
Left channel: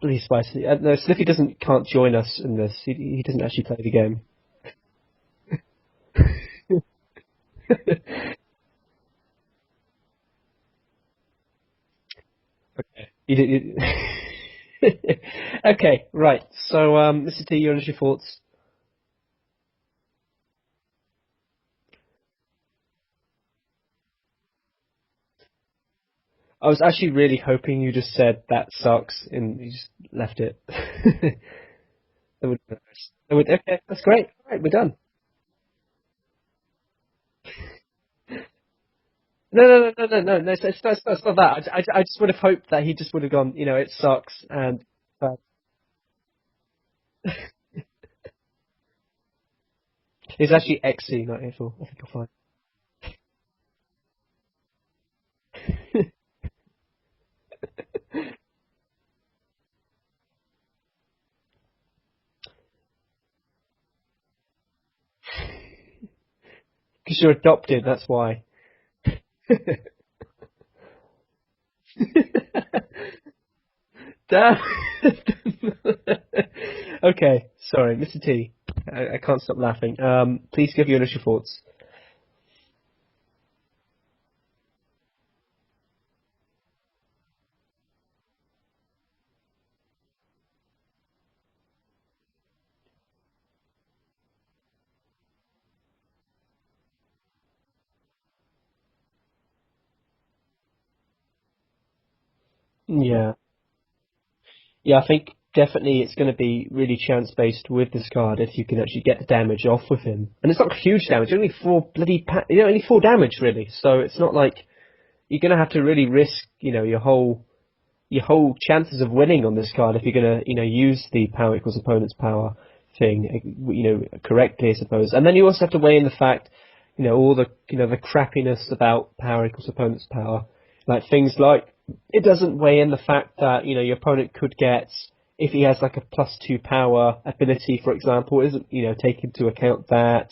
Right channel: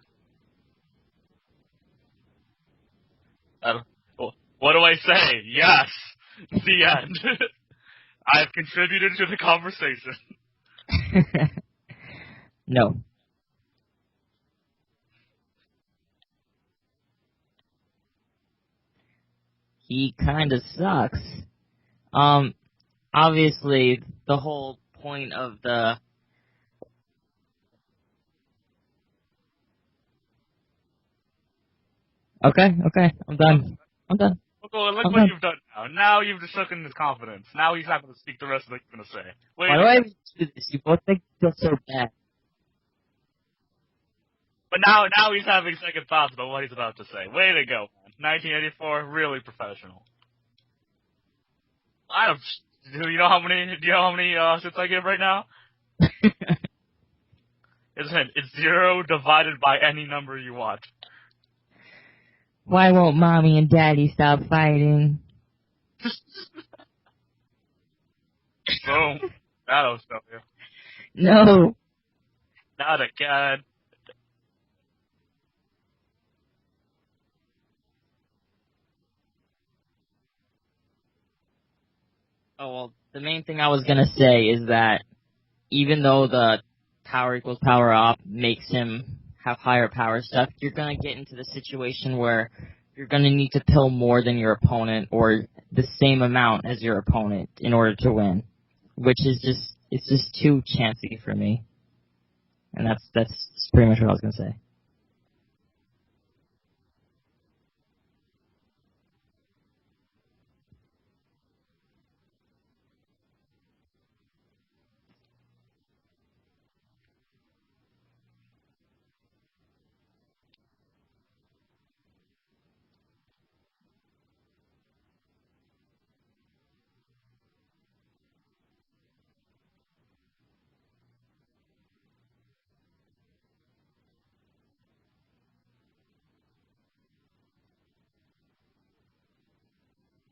Please, Spicy. No, Sliffy can't join us in this. He doesn't actually play the game. What do I say? Yes. The end. I have contributed to the conversation. No. Okay, right. So, Mr. T, your initial thoughts? He kind of sucks. Obviously, the whole point of the... I was actually really hoping you just said that sucks, and you just left it. Okay. Okay, that's great. All right, we're done. Well, look what you've done now. Now you've just shaken his confidence. Now he's not going to speak the rest of what he's going to say. No, that's not that. I just would have hoped that he just would have gone, it sucks. And, but now he's having second thoughts about what he's about to say. Way to go. 1984, really professional. It's actually XC1984. Do you know how many hits I give right now? It's 0 divided by any number you want. Why won't Mommy and Daddy stop fighting? Because you're adopted, that's why. Boom. That'll stop you. No. Not again. Okay, sorry, Mr. T. I can't stop laughing. Please give your initial thoughts. Oh, well, the main thing I was going to say is that even though the power equals power up makes him have higher power stuff, you're going to get into the situation where you're going to need to pill more than your opponent or the same amount as your opponent in order to win, which is just too chancy for me. And that's pretty much what I was going to say. Yeah, I think definitely it's going to be really chance-based with this card if you can actually get the damage off with him. And it's not huge damage, only 4 only 4 damage really, so it's not like you're going to have to really risk, your whole chances of winning on this card if you're going to, use the power equals opponent's power thing, correctly, I suppose. And then you also have to weigh in the fact, all the, the crappiness about power equals opponent's power. Like things like, it doesn't weigh in the fact that, your opponent could get, if he has a +2 power ability, for example, it doesn't, take into account that.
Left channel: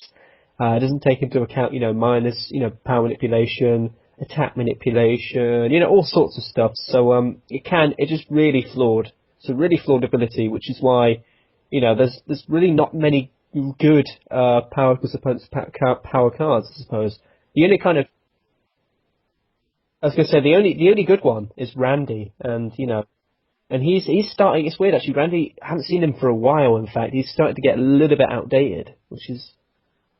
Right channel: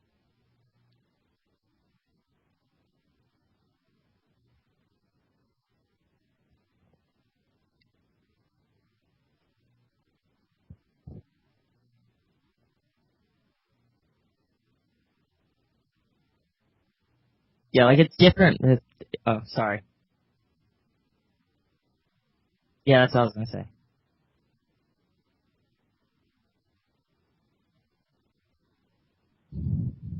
It doesn't take into account, minus, power manipulation, attack manipulation, all sorts of stuff. So it's just really flawed. It's a really flawed ability, which is why, there's really not many good power equals opponent's power cards, I suppose. The only it's different. Oh, sorry. I was going to say the only good one is Randy, and yeah, that's what I was going to say. And he's starting. It's weird actually. Randy, I haven't seen him for a while. In fact, he's starting to get a little bit outdated, which is,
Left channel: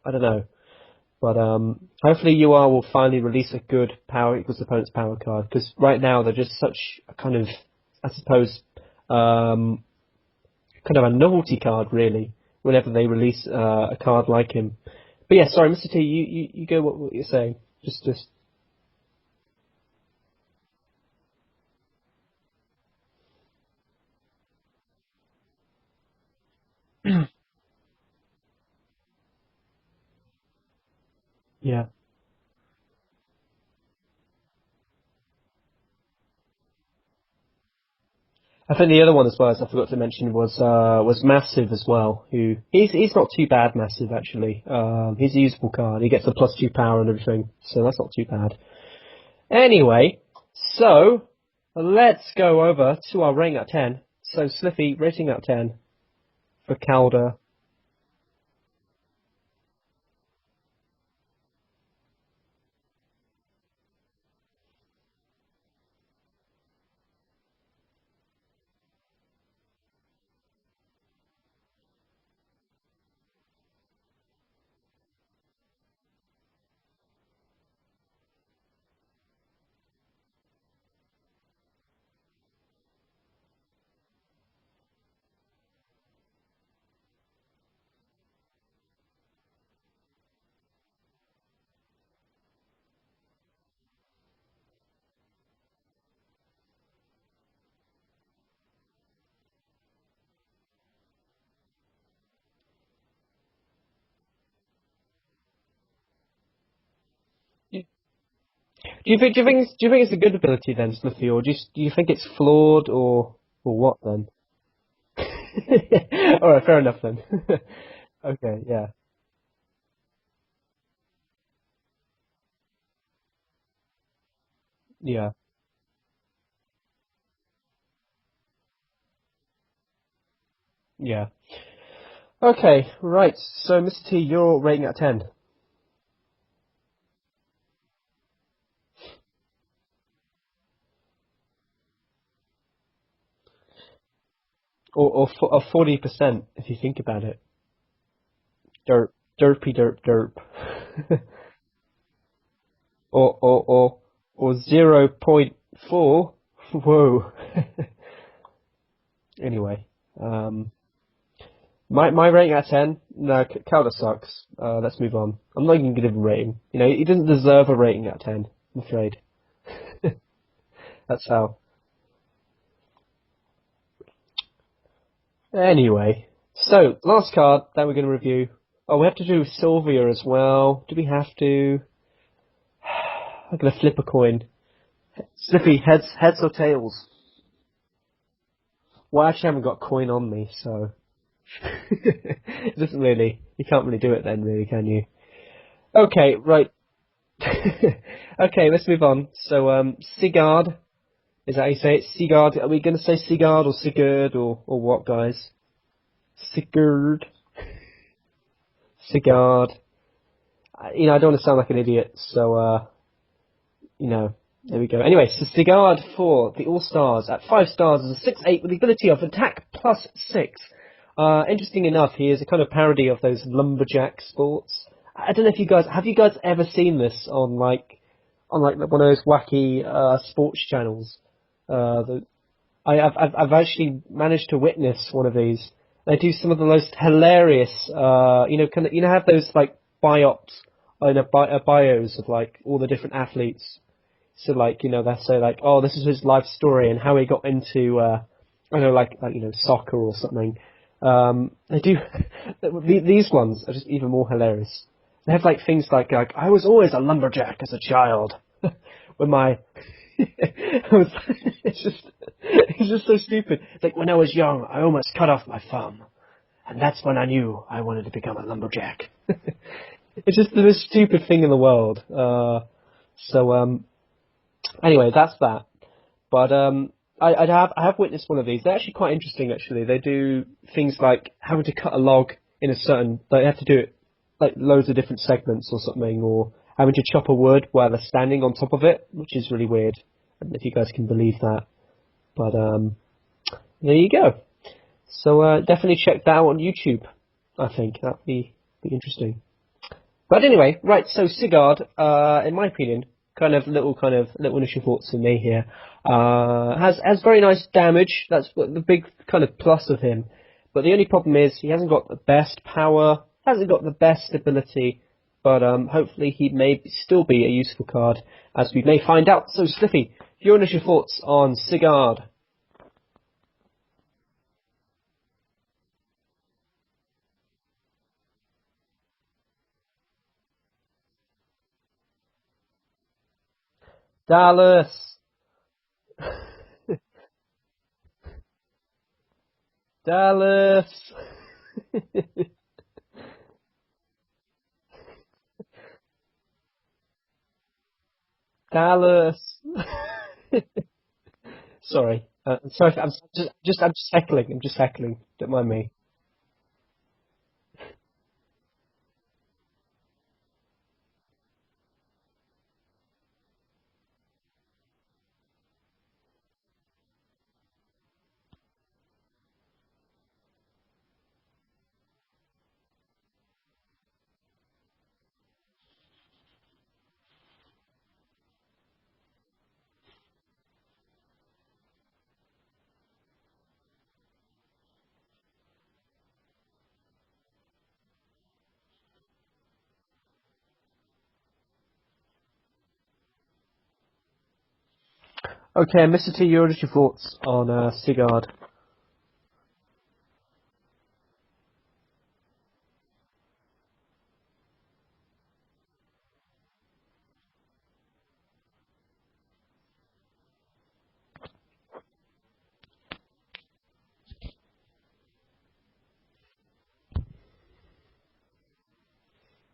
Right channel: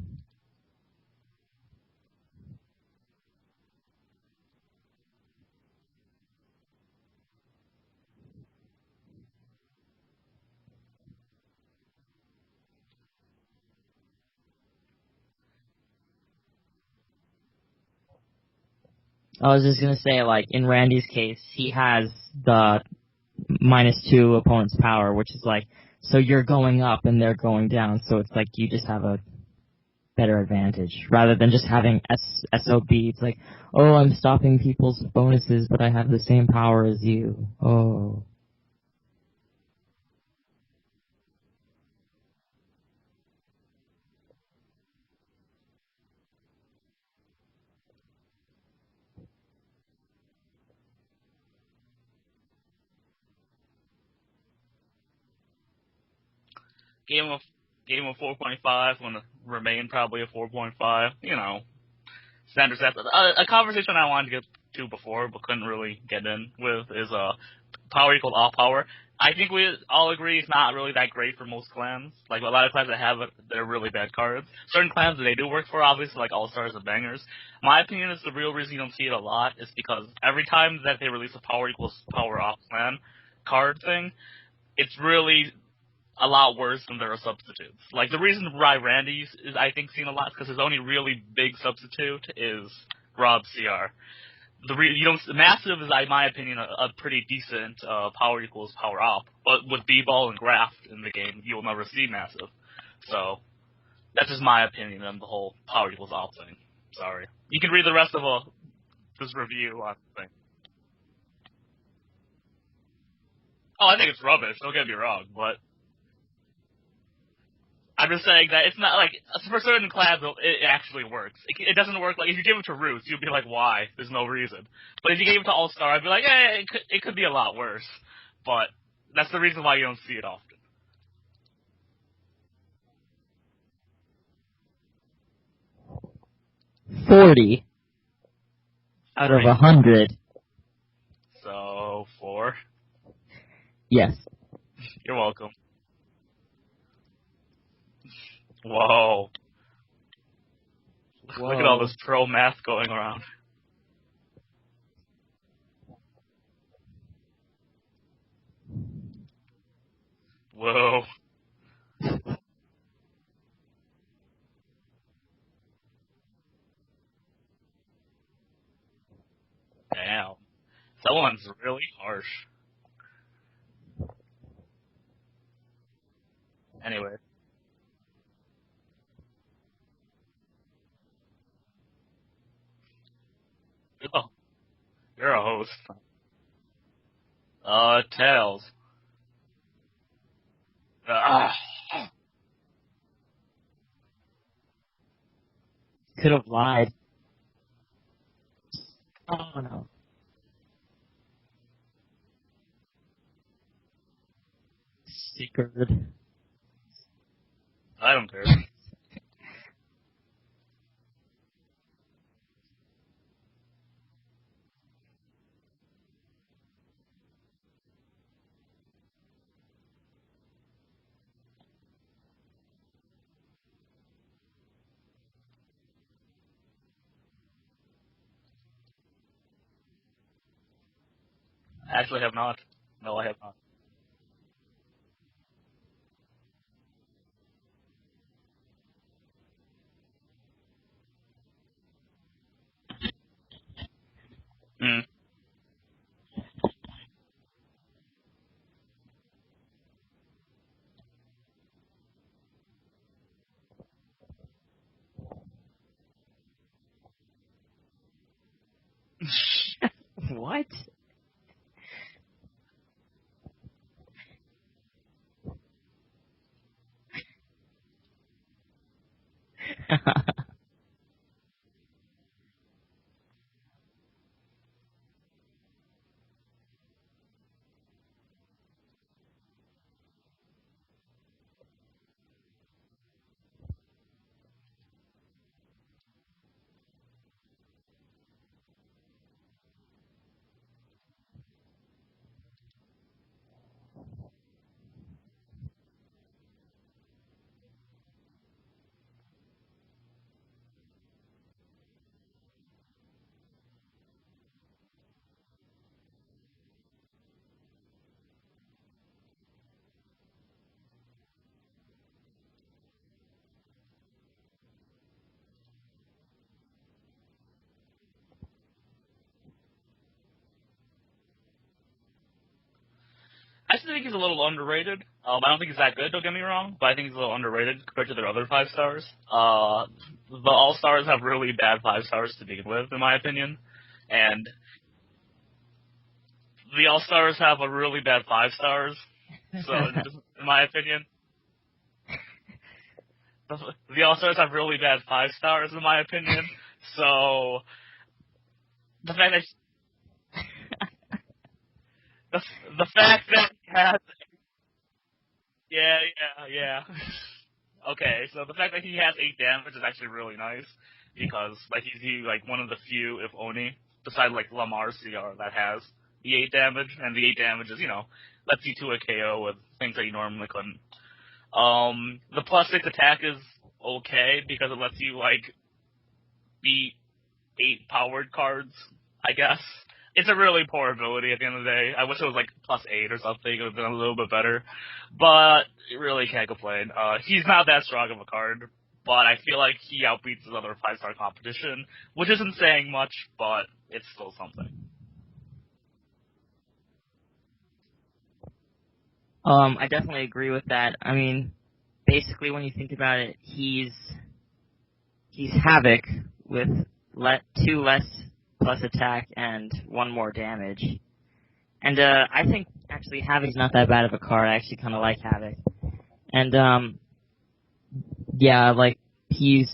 I don't know. But hopefully UR will finally release a good power equals opponent's power card, because right now they're just such a kind of, I suppose, kind of a novelty card really. Whenever they release a card like him. But yeah, sorry, Mr. T, you go what you're saying. Just. I was just gonna say, in Randy's case, he has the -2 opponent's power, which is so you're going up and they're going down, so it's you just have a better advantage, rather than just having SOB. It's I'm stopping people's bonuses, but I have the same power as you. Oh. I think the other one as well, as I forgot to mention, was Massive as well. Who he's not too bad, Massive actually. He's a usable card. He gets a +2 power and everything, so that's not too bad. Anyway, so let's go over to our rating out of 10. So Sliffy, rating out of 10 for Calder. Game of 4.5, going to remain probably a 4.5. Standard stuff. A conversation I wanted to get to before, but couldn't really get in with is power equals all power. I think we all agree it's not really that great for most clans. Like, a lot of clans that have it, they're really bad cards. Certain clans that they do work for, obviously, like All-Stars and Bangers. My opinion is the real reason you don't see it a lot is because every time that they release a power equals power off clan card thing, it's really a lot worse than their substitutes. Like, the reason why Randy's is, I think, seen a lot is because his only really big substitute is Rob CR. Massive is, in my opinion, a pretty decent power equals power up. But with B-ball and graft in the game, you'll never see massive. So that's just my opinion on the whole power equals op thing. Sorry. You can read the rest of a. Do you think it's a good ability then, Smithy, or do you think it's flawed or what? I think it's rubbish. Don't get me wrong, but all right, fair enough then. I'm just saying Okay, that it's yeah. not like for certain clans it actually works. It doesn't work like if you give it to Roots, you'd be like, why? There's no reason. But if you Yeah. gave it to All Star, I'd be like, it could be a lot worse. But that's the reason why you don't see it often. Yeah. Okay, right. So, Mr. T, your rating out of 10. 40 out of Great. 100. So 4. Yes. Or You're welcome. 40%, if you think about it. Whoa! So, derpy derp derp. Look at all this pro math going around. or 0.4. Whoa. Anyway. Whoa! My rating out of 10, no, Calder sucks. Let's move on. I'm not even going to give him a rating. You know, he doesn't deserve a rating out of 10, I'm afraid. Damn. That That's one's how. really harsh. Anyway, so last card that we're going to review. Oh, we have to do Sylvia as well. Do we have to? I'm going to flip a coin. You're a host. Slippy, heads or tails? Tails. Well, I actually haven't got a coin on me, so it doesn't really. You can't really do it then, really, can you? Okay, Could've right. Okay, let's move on. So, Sigurd. Is that how you say it? Sigurd. Are we going to say Sigurd or Sigurd or what, guys? Sigurd. I don't care. Sigurd. You know, I don't want to sound like an idiot, so, you know, there we go. Anyway, so Sigurd for the All-Stars at 5 stars is a 6/8 with the ability of attack +6. Interesting enough, he is a kind of parody of those lumberjack sports. I don't know if have you guys ever seen this on like one of those wacky sports channels? Actually, have not. I've actually managed to witness one of these. They do some of the most hilarious, have those like biops, bios of like all the different athletes. So like, you know, they say like, oh, this is his life story and how he got into, soccer or something. They do, these ones are just even more hilarious. They have like things like I was always a lumberjack as a child. When my What? it's just so stupid. It's like when I was young, I almost cut off my thumb, and that's when I knew I wanted to become a lumberjack. It's just the most stupid thing in the world. Anyway, that's that. But I have witnessed one of these. They're actually quite interesting. Actually, they do things like having to cut a log in a certain. They have to do it like loads of different segments or something, or having to chop a wood while they're standing on top of it, which is really weird. I don't know if you guys can believe that. But there you go. So definitely check that out on YouTube. I think that'd be interesting. But anyway, right. So Sigurd, in my opinion, kind of little initial thoughts from me here. Has very nice damage. That's the big kind of plus of him. But the only problem is he hasn't got the best power, hasn't got the best ability. But hopefully he may still be a useful card, as we may find out. So Slippy, your initial thoughts on Sigurd? I still think he's a little underrated. I don't think he's that good, don't get me wrong, but I think he's a little underrated compared to their other 5 stars. The All-Stars have really bad 5 stars to begin with, in my opinion. And Dallas! the All-Stars have a really bad 5 stars. So, Dallas! in my opinion, the All-Stars have really bad 5 stars, in my opinion. So, Dallas! Sorry. I'm just heckling. Don't mind me. Yeah. Okay, so the fact that he has 8 damage is actually really nice, because like he's like one of the few, if only, besides like Lamar CR, that has the 8 damage, and the 8 damage is, lets you 2 a KO with things that you normally couldn't. The plus 6 attack is okay because it lets you, beat 8 powered cards, I guess. It's a really poor ability at the end of the day. I wish it was, plus 8 or something. It would have been a little bit better. But you really can't complain. He's not that strong of a card, but I feel like he outbeats his other 5-star competition, which isn't saying much, but it's still something. Okay, Mr. T, your thoughts on Sigurd? I definitely agree with that. I mean, basically, when you think about it, he's Havoc with 2 less plus attack and 1 more damage. And I think actually Havoc's not that bad of a card. I actually kind of like Havoc. And he's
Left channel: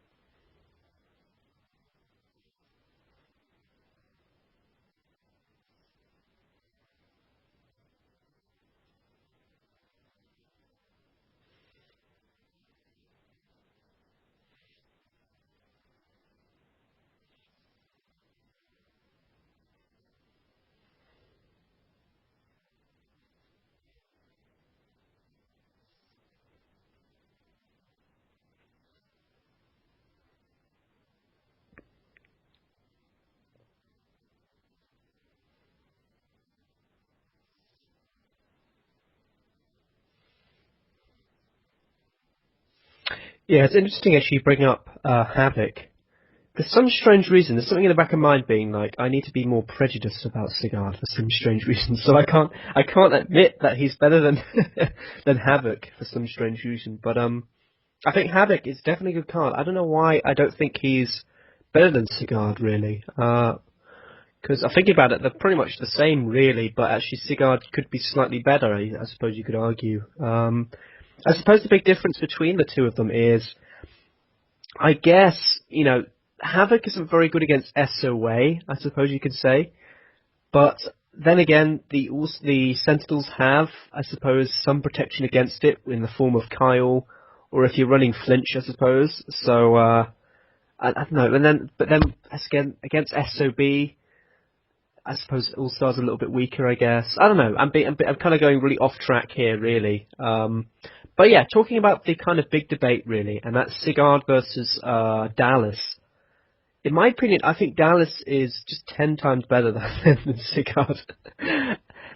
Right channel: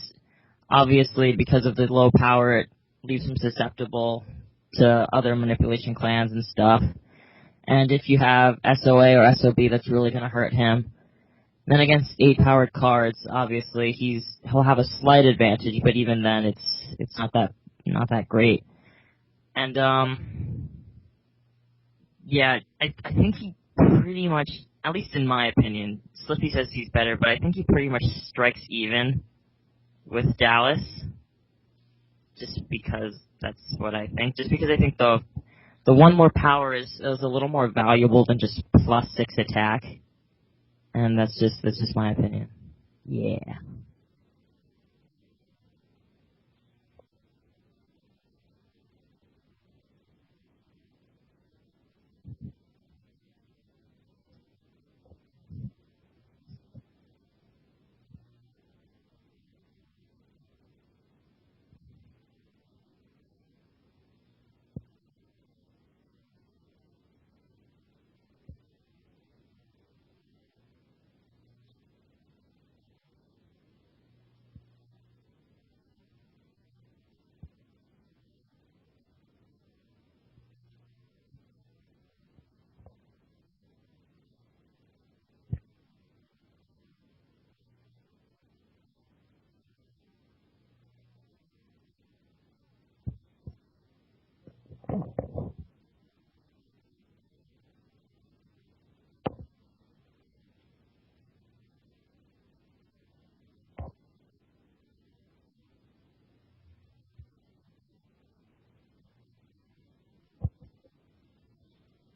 obviously, because of the low power, it leaves him susceptible to other manipulation clans and stuff. And if you have SOA or SOB, that's really going to hurt him. Then against 8 powered cards, obviously he'll have a slight advantage, but even then it's not that great. And I think he pretty much, at least in my opinion, Slippy says he's better, but I think he pretty much strikes even with Dallas. Just because that's what I think. Just because I think the 1 more power is a little more valuable than just plus 6 attack. And that's just my opinion. Yeah, it's interesting actually bringing up Havoc. For some strange reason, there's something in the back of my mind being like, I need to be more prejudiced about Sigurd for some strange reason. So I can't admit that he's better than than Havoc for some strange reason. But I think Havoc is definitely a good card. I don't know why I don't think he's better than Sigurd really. Because I think about it, they're pretty much the same really, but actually Sigurd could be slightly better, I suppose you could argue. I suppose the big difference between the two of them is, I guess, Havoc isn't very good against SOA, I suppose you could say. But then again, the Sentinels have, I suppose, some protection against it in the form of Kyle, or if you're running Flinch, I suppose. So, I don't know. But then against SOB, I suppose All-Star's a little bit weaker, I guess. I don't know. I'm kind of going really off track here, really. But yeah, talking about the kind of big debate, really, and that's Sigurd versus Dallas. In my opinion, I think Dallas is just 10 times better than Sigurd.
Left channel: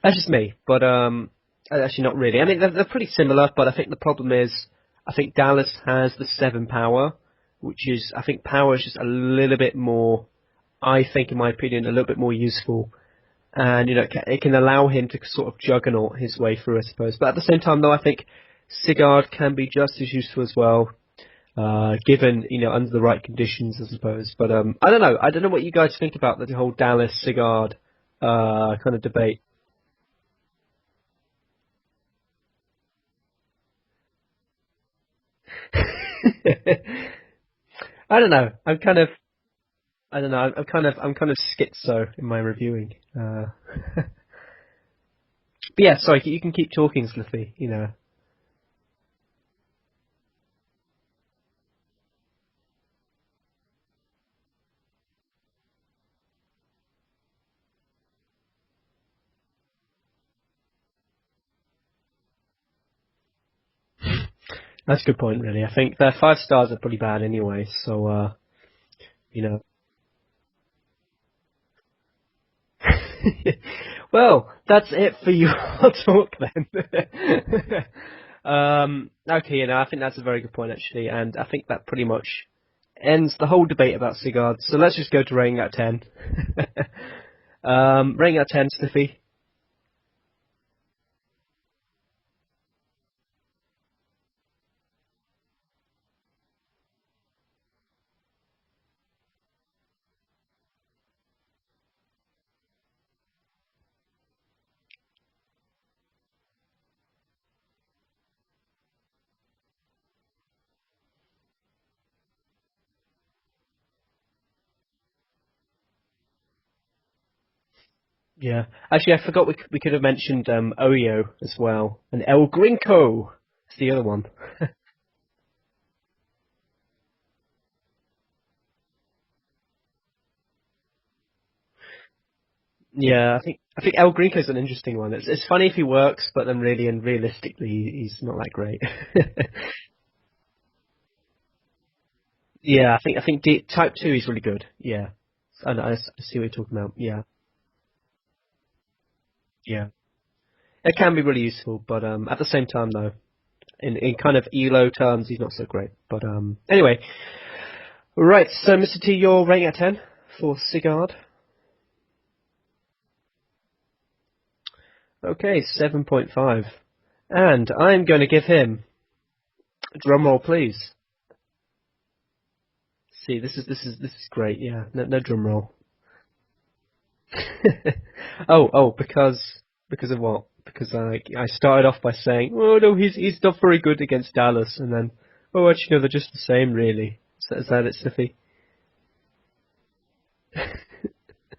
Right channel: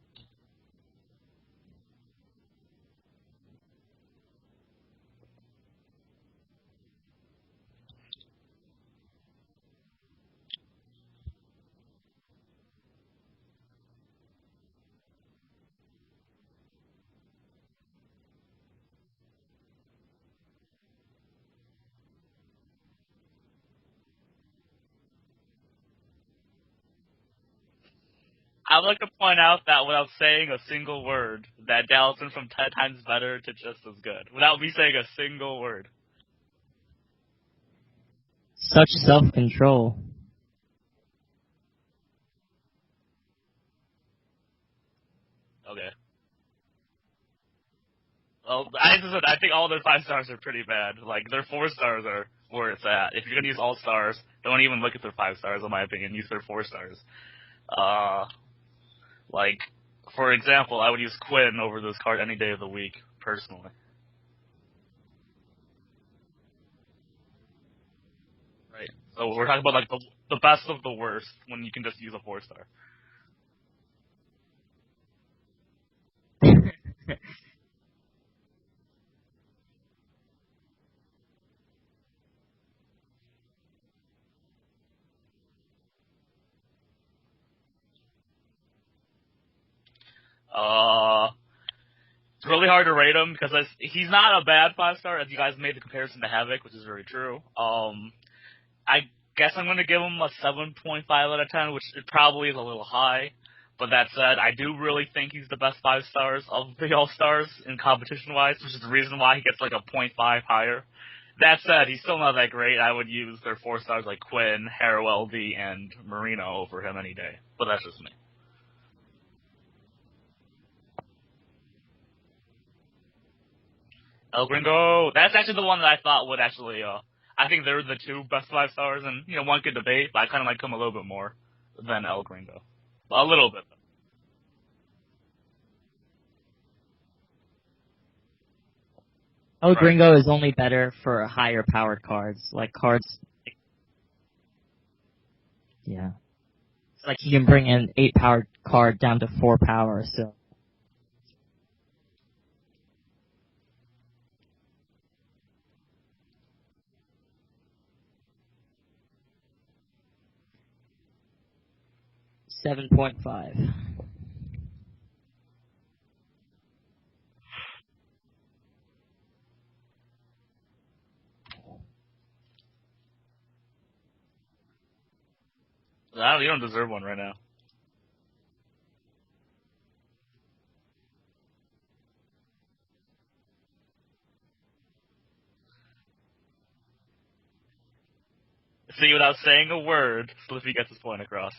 That's just me, but actually not really. I mean, they're pretty similar, but I think the problem is, I think Dallas has the 7 power, which is, I think power is just a little bit more, I think, in my opinion, a little bit more useful. And, it can allow him to sort of juggernaut his way through, I suppose. But at the same time, though, I think Sigurd can be just as useful as well, given, under the right conditions, I suppose. But I don't know. I don't know what you guys think about the whole Dallas-Sigurd I'd like to debate. point out that without saying a single word, that Dallas went from 10 times better to just as good. Without me saying a single word. I don't know. I'm Such kind of self-control. I don't know. I'm kind of schizo in my reviewing. But yeah, sorry. You can keep talking, Sliffy. Well, I think all their 5 stars are pretty bad. Their 4 stars are where it's at. If you're gonna use all stars, don't even look at their 5 stars. In my opinion, use their 4 stars. For example, I would use Quinn over this card any day of the week, personally. That's a good point, really. I think their 5 stars are pretty bad anyway. So. Right. So we're talking about the best of the worst when you can just use a 4-star. Well, that's it for your talk then. Okay, I think that's a very good point actually, and I think that pretty much ends the whole debate about Sigurd. So let's just go to rating out of 10. Rating out of 10, Stiffy. It's really hard to rate him because he's not a bad 5-star, as you guys made the comparison to Havoc, which is very true. I guess I'm going to give him a 7.5 out of 10, which it probably is a little high. But that said, I do really think he's the best 5 stars of the All-Stars in competition-wise, which is the reason why he gets like a 0.5 higher. That said, he's still not that great. I would use their 4 stars like Quinn, Harrow LD, and Marino over him any day. But that's just me. Yeah. Actually, I forgot we could have mentioned Oyo as well. And El Gringo is the other one. El Gringo! That's actually the one that I thought would actually, I think they're the 2 best 5 stars, and, one could debate, but I kind of like him a little bit more than El Gringo. Yeah, A little bit. I think El Greco's an interesting one. It's funny if he works, but then really and realistically, he's not that great. El Gringo is only better for higher powered cards. Like Yeah, cards, I think Type 2 is really good. Yeah. I Yeah. see what you're talking about. Yeah. like you can bring an 8-powered card down to 4 power. So It can be really useful, but at the same time, though, in kind of ELO terms, he's not so great. But anyway. Right, so Mr. T, you're rating out of 10 for Sigurd. 7.5. Okay, 7.5. And I'm going to give him, drum roll please. See, this is great. Yeah, no drum roll. You don't deserve one right now. because of what? Because I started off by saying, oh no, he's not very good against Dallas, and then, oh actually no, they're just the same really. Is that it, Sliffy? See, without saying a word, Slippy gets his point across.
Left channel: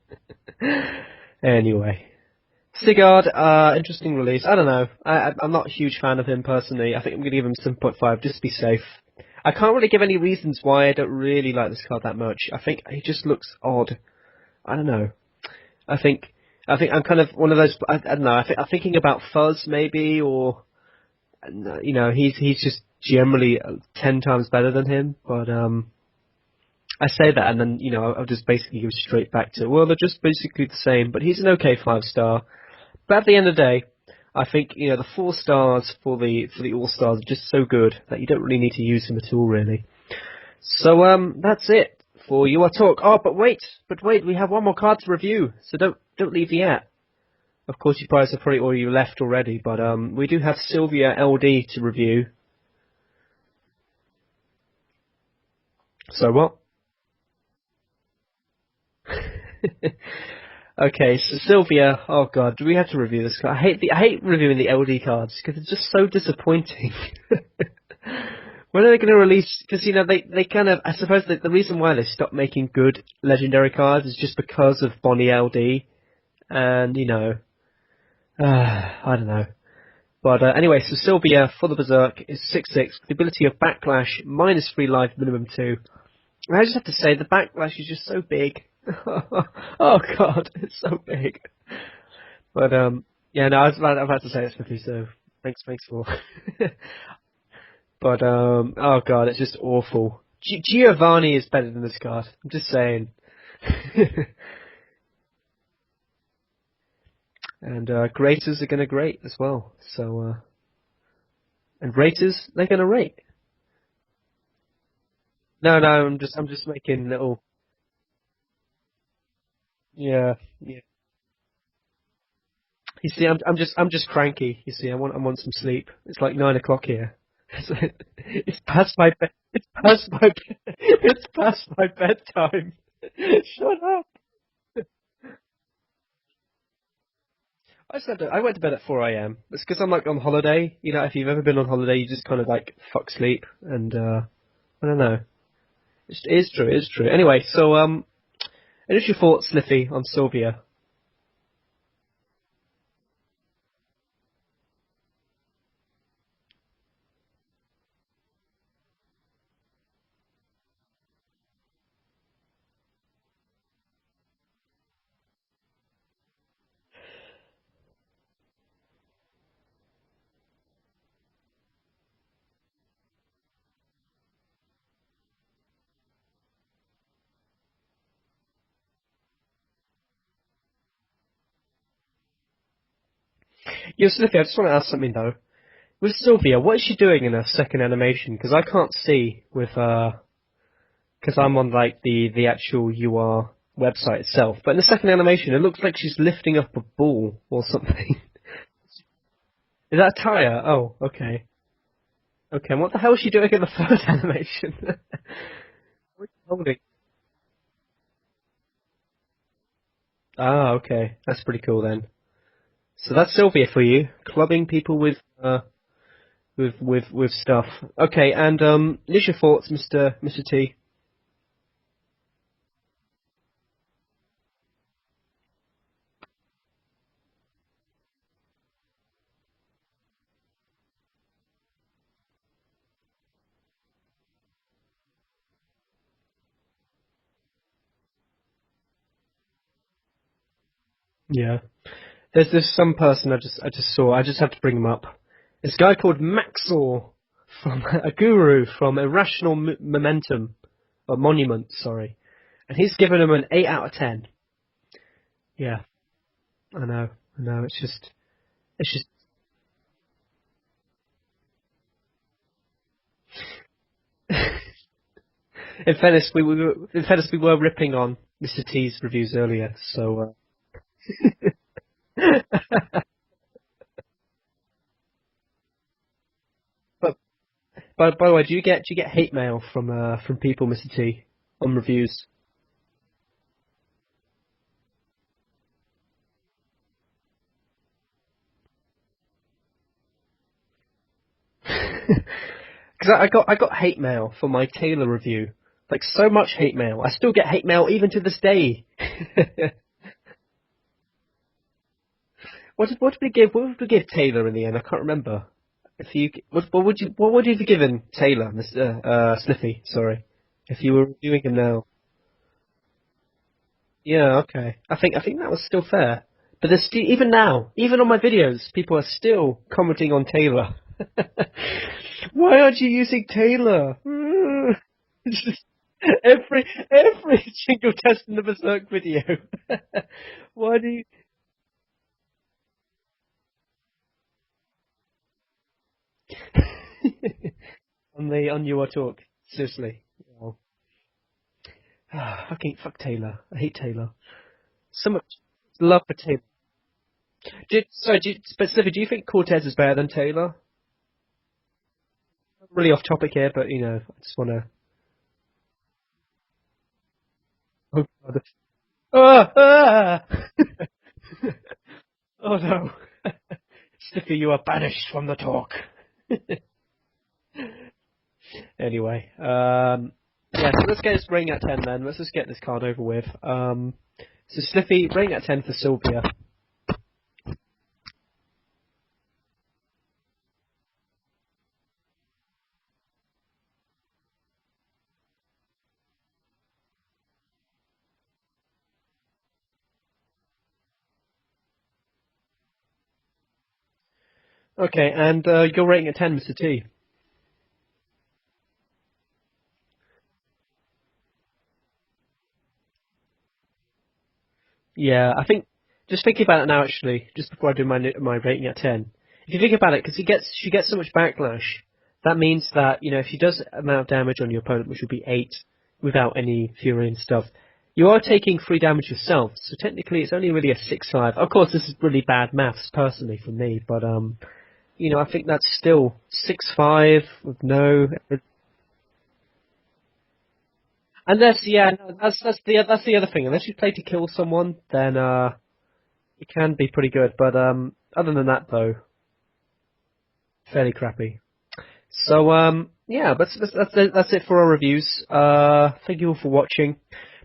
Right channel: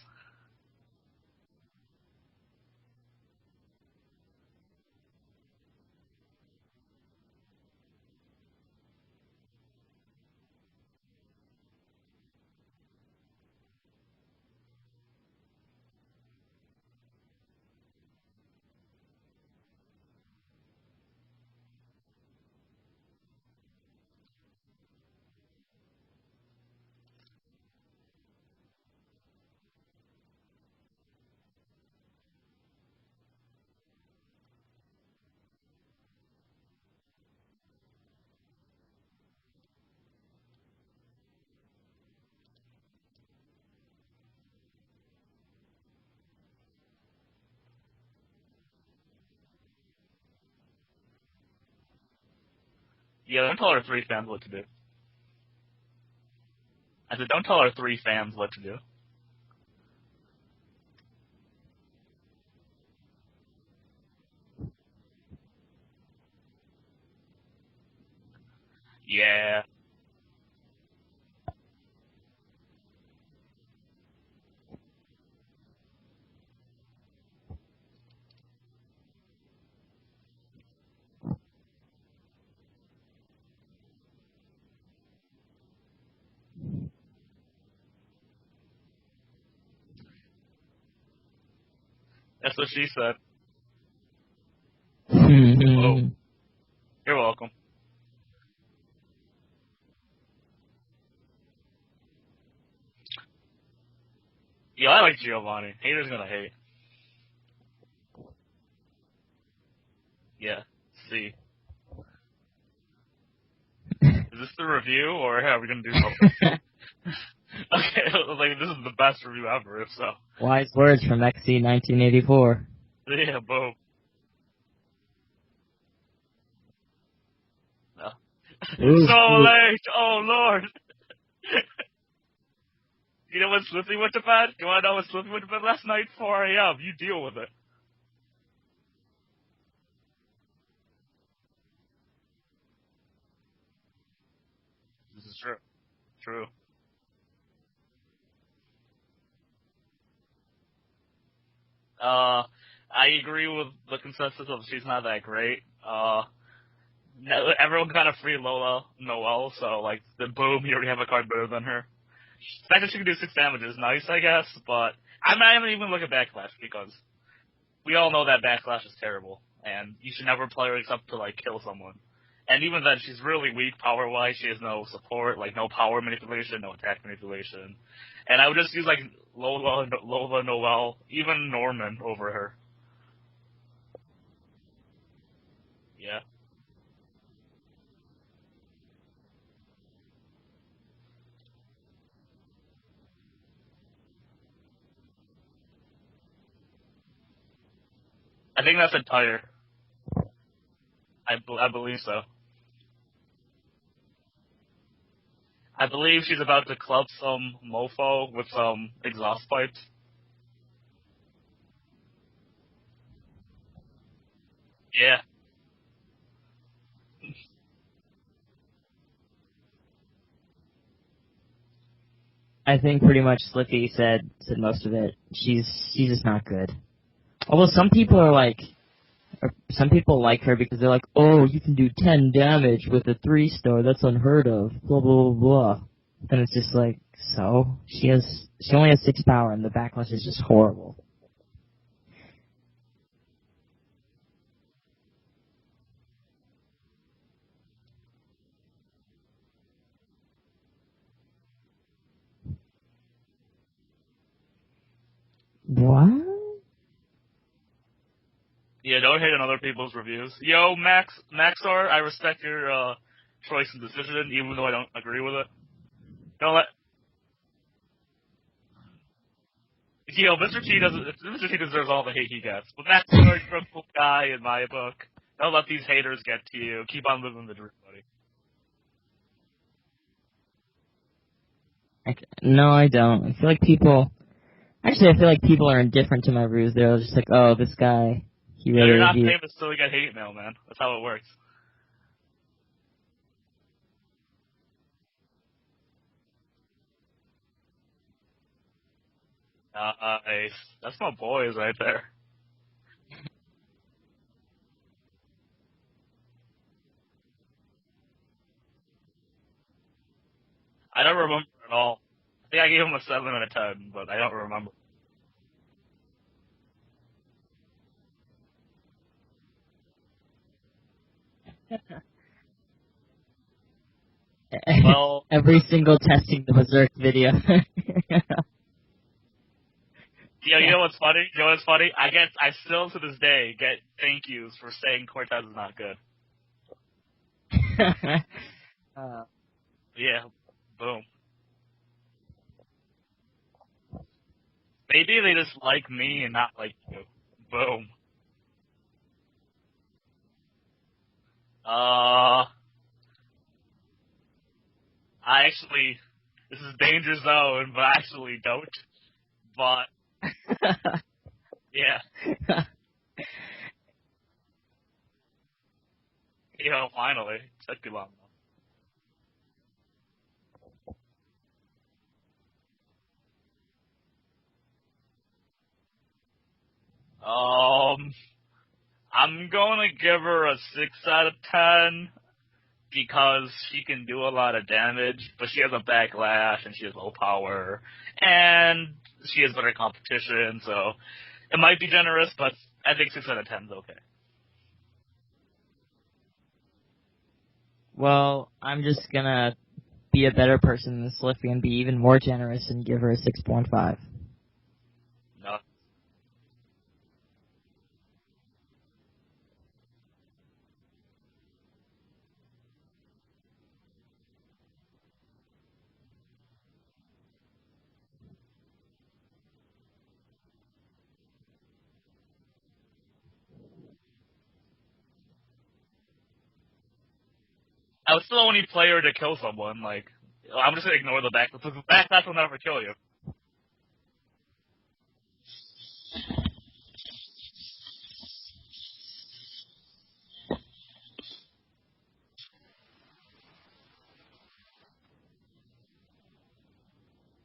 Anyway. Sigurd, interesting release. I don't know. I'm not a huge fan of him personally. I think I'm going to give him 7.5 just to be safe. I can't really give any reasons why I don't really like this card that much. I think he just looks odd. I don't know. I think I'm kind of one of those. I don't know. I'm thinking about Fuzz maybe, or you know, he's just generally 10 times better than him. But I say that, and then you know, I'll just basically go straight back to, well, they're just basically the same. But he's an okay 5-star. But at the end of the day, I think you know the 4 stars for the All Stars are just so good that you don't really need to use him at all, really. So that's it for your talk. Oh, but wait, we have one more card to review. So don't leave yet. Of course, you guys have probably already left already, but we do have Sylvia LD to review. Yeah, don't tell our 3 fans what to do. So what? I said, don't tell our 3 fans what to do. Okay, so Sylvia, oh god, do we have to review this card? I hate reviewing the LD cards because it's just so disappointing. When are they going to release? Because you know they kind of, I suppose the reason why they stopped making good legendary cards is just because of Bonnie LD, and you know, I don't know. But anyway, so Sylvia for the Berserk is 6/6 with the ability of Backlash, -3 life, minimum 2. And I just have to say the Backlash is just so big. Oh god, it's so big. That's what she said. Yeah, no, I was about to say it's 50, so. You're welcome. But oh god, it's just awful. Giovanni is better than this card. I'm just saying. Yeah, I like Giovanni. Haters gonna hate. And graters are gonna grate as well. So yeah, see. And raters, they're gonna rate. Is this the review or have No, I'm just making little. Okay, like this is the best review ever. If so. Yeah. Wise words from XC 1984. You see, I'm just cranky. You see, I want some sleep. It's like 9 o'clock here. It's past my bedtime. It's past my bedtime. You know when Slippy went to bed? You want to know when Slippy went to bed last night? 4 a.m. You deal with it. I went to bed at 4 a.m. It's because I'm like on holiday. You know, if you've ever been on holiday, you just kind of like fuck sleep, and I don't know. This is true. It is true. Anyway, so initial thoughts, Sliffy, on Sylvia. I agree with the consensus of she's not that great. Everyone kind of free Lola Noelle, so like the boom, you already have a card better than her. The fact that she can do 6 damage is nice, I guess, but I'm not even look at Backlash because we all know that Backlash is terrible, and you should never play her except to like kill someone. And even then, she's really weak power-wise. She has no support, like no power manipulation, no attack manipulation. And I would just use like Lola Noelle, even Norman over her. Yeah, Sliffy, I just want to ask something though. With Sylvia, what is she doing in her second animation? Because I can't see with because I'm on like the actual UR website itself. But in the second animation, it looks like she's lifting up a ball or something. I think that's a tire. Is that a tire? Oh, okay. I believe so. Okay, and what the hell is she doing in the third animation? I believe she's about to club some mofo with some exhaust pipes. Ah, okay. That's pretty cool then. So that's Sylvia for you, clubbing people with stuff. Okay, and initial thoughts, Mr. T. I think pretty much Sliffy said most of it. She's just not good. Although some people like her because they're like, oh, you can do 10 damage with a 3-star. That's unheard of. Blah blah blah blah. Then it's just like, so she only has 6 power, and the backlash is just horrible. Yeah. There's some person I just saw. I just have to bring him up. This guy called Maxor from a guru from Irrational Momentum or Monument, sorry, and he's given him an 8 out of 10. Yeah, What? I know. It's just. Don't hate on other people's reviews. Yo, Maxar, I respect your choice and decision, even though I don't agree with it. In fairness, we were ripping on Mr. T's reviews earlier, so. Yo, Mr. T deserves all the hate he gets. Maxar, you're a cool guy in my book. Don't let these haters get to you. Keep on living the dream. By the way, do you get hate mail from people, Mr. T, on reviews? No, I don't. I feel like people are indifferent to my reviews. They're just like, oh, this guy, he really you're not reviewed. famous, so we get hate mail, man. That's how it works. Because I got hate mail for my Taylor review. Like, so much hate mail. I still get hate mail even to this day. Nice. That's my boys right there. What did we give Taylor in the end? I can't remember. What would you have given Taylor, Mr. Sniffy? Sorry, if you were. I don't remember him now. at all. I think I gave him a 7 out of 10. But Yeah, okay. I think that was still fair. But there's still, even now, even on my videos, people are still commenting on Taylor. Why aren't you using Taylor? Well, Every single test in the Berserk video. Every single test in the Berserk video. you know what's funny? I still to this day get thank yous for saying Cortez is not good. on your talk. Seriously. Yeah. Oh. Boom. Fuck Taylor. I hate Taylor. Maybe they just like love me the and not like you. Boom. Specifically, do you think Cortez is better than Taylor? Really off topic here, but I just want to. This is danger zone, but I actually don't. Yeah. Oh no. Stiffy, you are banished from the talk. Finally. Took too long. Anyway, yeah, so let's get this rating at 10 then. Let's just get this card over with. So Sniffy, rating at 10 for Sylvia. I'm gonna give her a 6 out of 10 because she can do a lot of damage, but she has a backlash and she has low power and she has better competition, so it might be generous, but I think 6 out of 10 is okay. Okay, and your rating at 10, Mr. T. Well, I'm just gonna be a better person than Sliffy and be even more generous and give her a 6.5. Yeah, I think, just thinking about it now actually, just before I do my rating at 10, if you think about it, because she gets so much backlash, that means that, if she does amount of damage on your opponent, which would be 8, without any Fury and stuff, you are taking 3 damage yourself, so technically it's only really a 6.5. Of course, this is really bad maths, personally, for me, but, I think that's still 6.5 with no... I would still only play her to kill someone, I'm just gonna ignore the Unless, back. that's the other thing. Unless you play to kill someone, then, it can be pretty good, but, other than that, though, fairly crappy. So, yeah, that's it for our reviews. Thank you all for watching.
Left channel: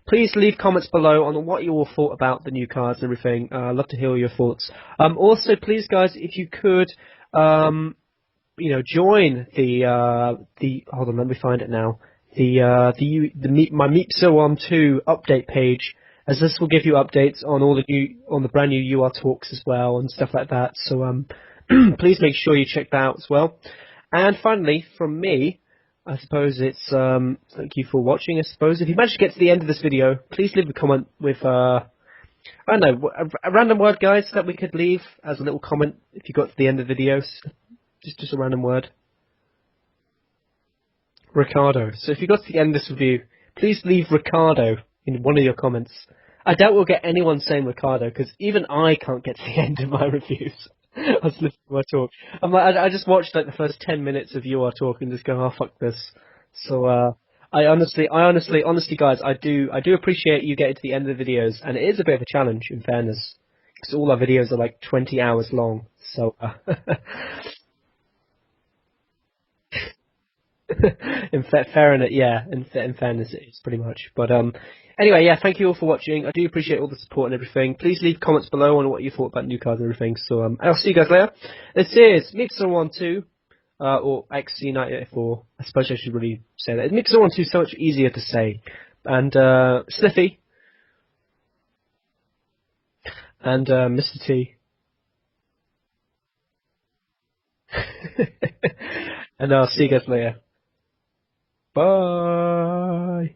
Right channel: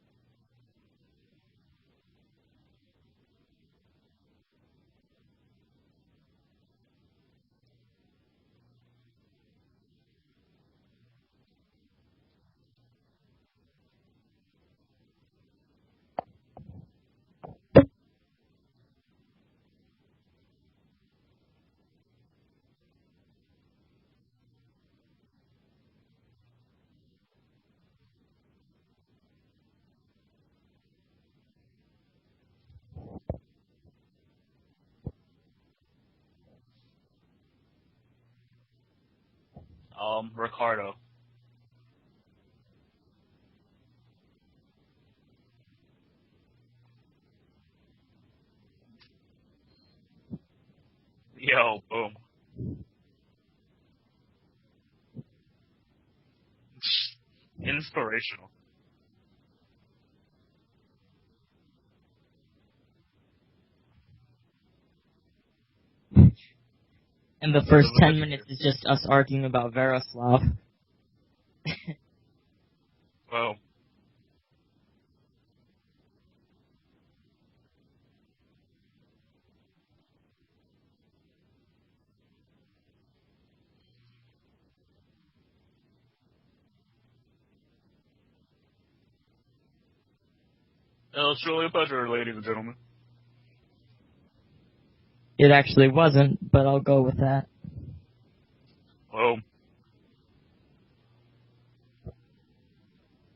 Please leave comments below on what you all thought about the new cards and everything. I'd love to hear your thoughts. Also, please, guys, if you could, join the hold on, let me find it now. My Meepso 2 update page, as this will give you updates on on the brand new UR talks as well and stuff like that. So, please make sure you check that out as well. And finally, from me, I suppose it's, thank you for watching. I suppose if you manage to get to the end of this video, please leave a comment with, I don't know, a random word, guys, that we could leave as a little comment if you got to the end of the videos. Just a random word. Ricardo. So if you got to the end of this review, please leave Ricardo in one of your comments. I doubt we'll get anyone saying Ricardo, because even I can't get to the end of my reviews. I just watched the first 10 minutes of UR talk and just go, oh fuck this. So I honestly, guys, I do appreciate you getting to the end of the videos, and it is a bit of a challenge in fairness, because all our videos are 20 hours long. So and the first 10 minutes is just us arguing about Veroslav. in fairness, it's pretty much. But anyway, yeah, thank you all for watching. I do appreciate all the support and everything. Please leave comments below on what you thought about new cards and everything. So I'll see you guys later. This is Meepso12, or XC984. I suppose I should really say that. Meepso12 is so much easier to say. And Sniffy. It's truly a pleasure, ladies and gentlemen. And Mr. T. It actually wasn't, but I'll go with that. Oh. And I'll see you guys later. Bye.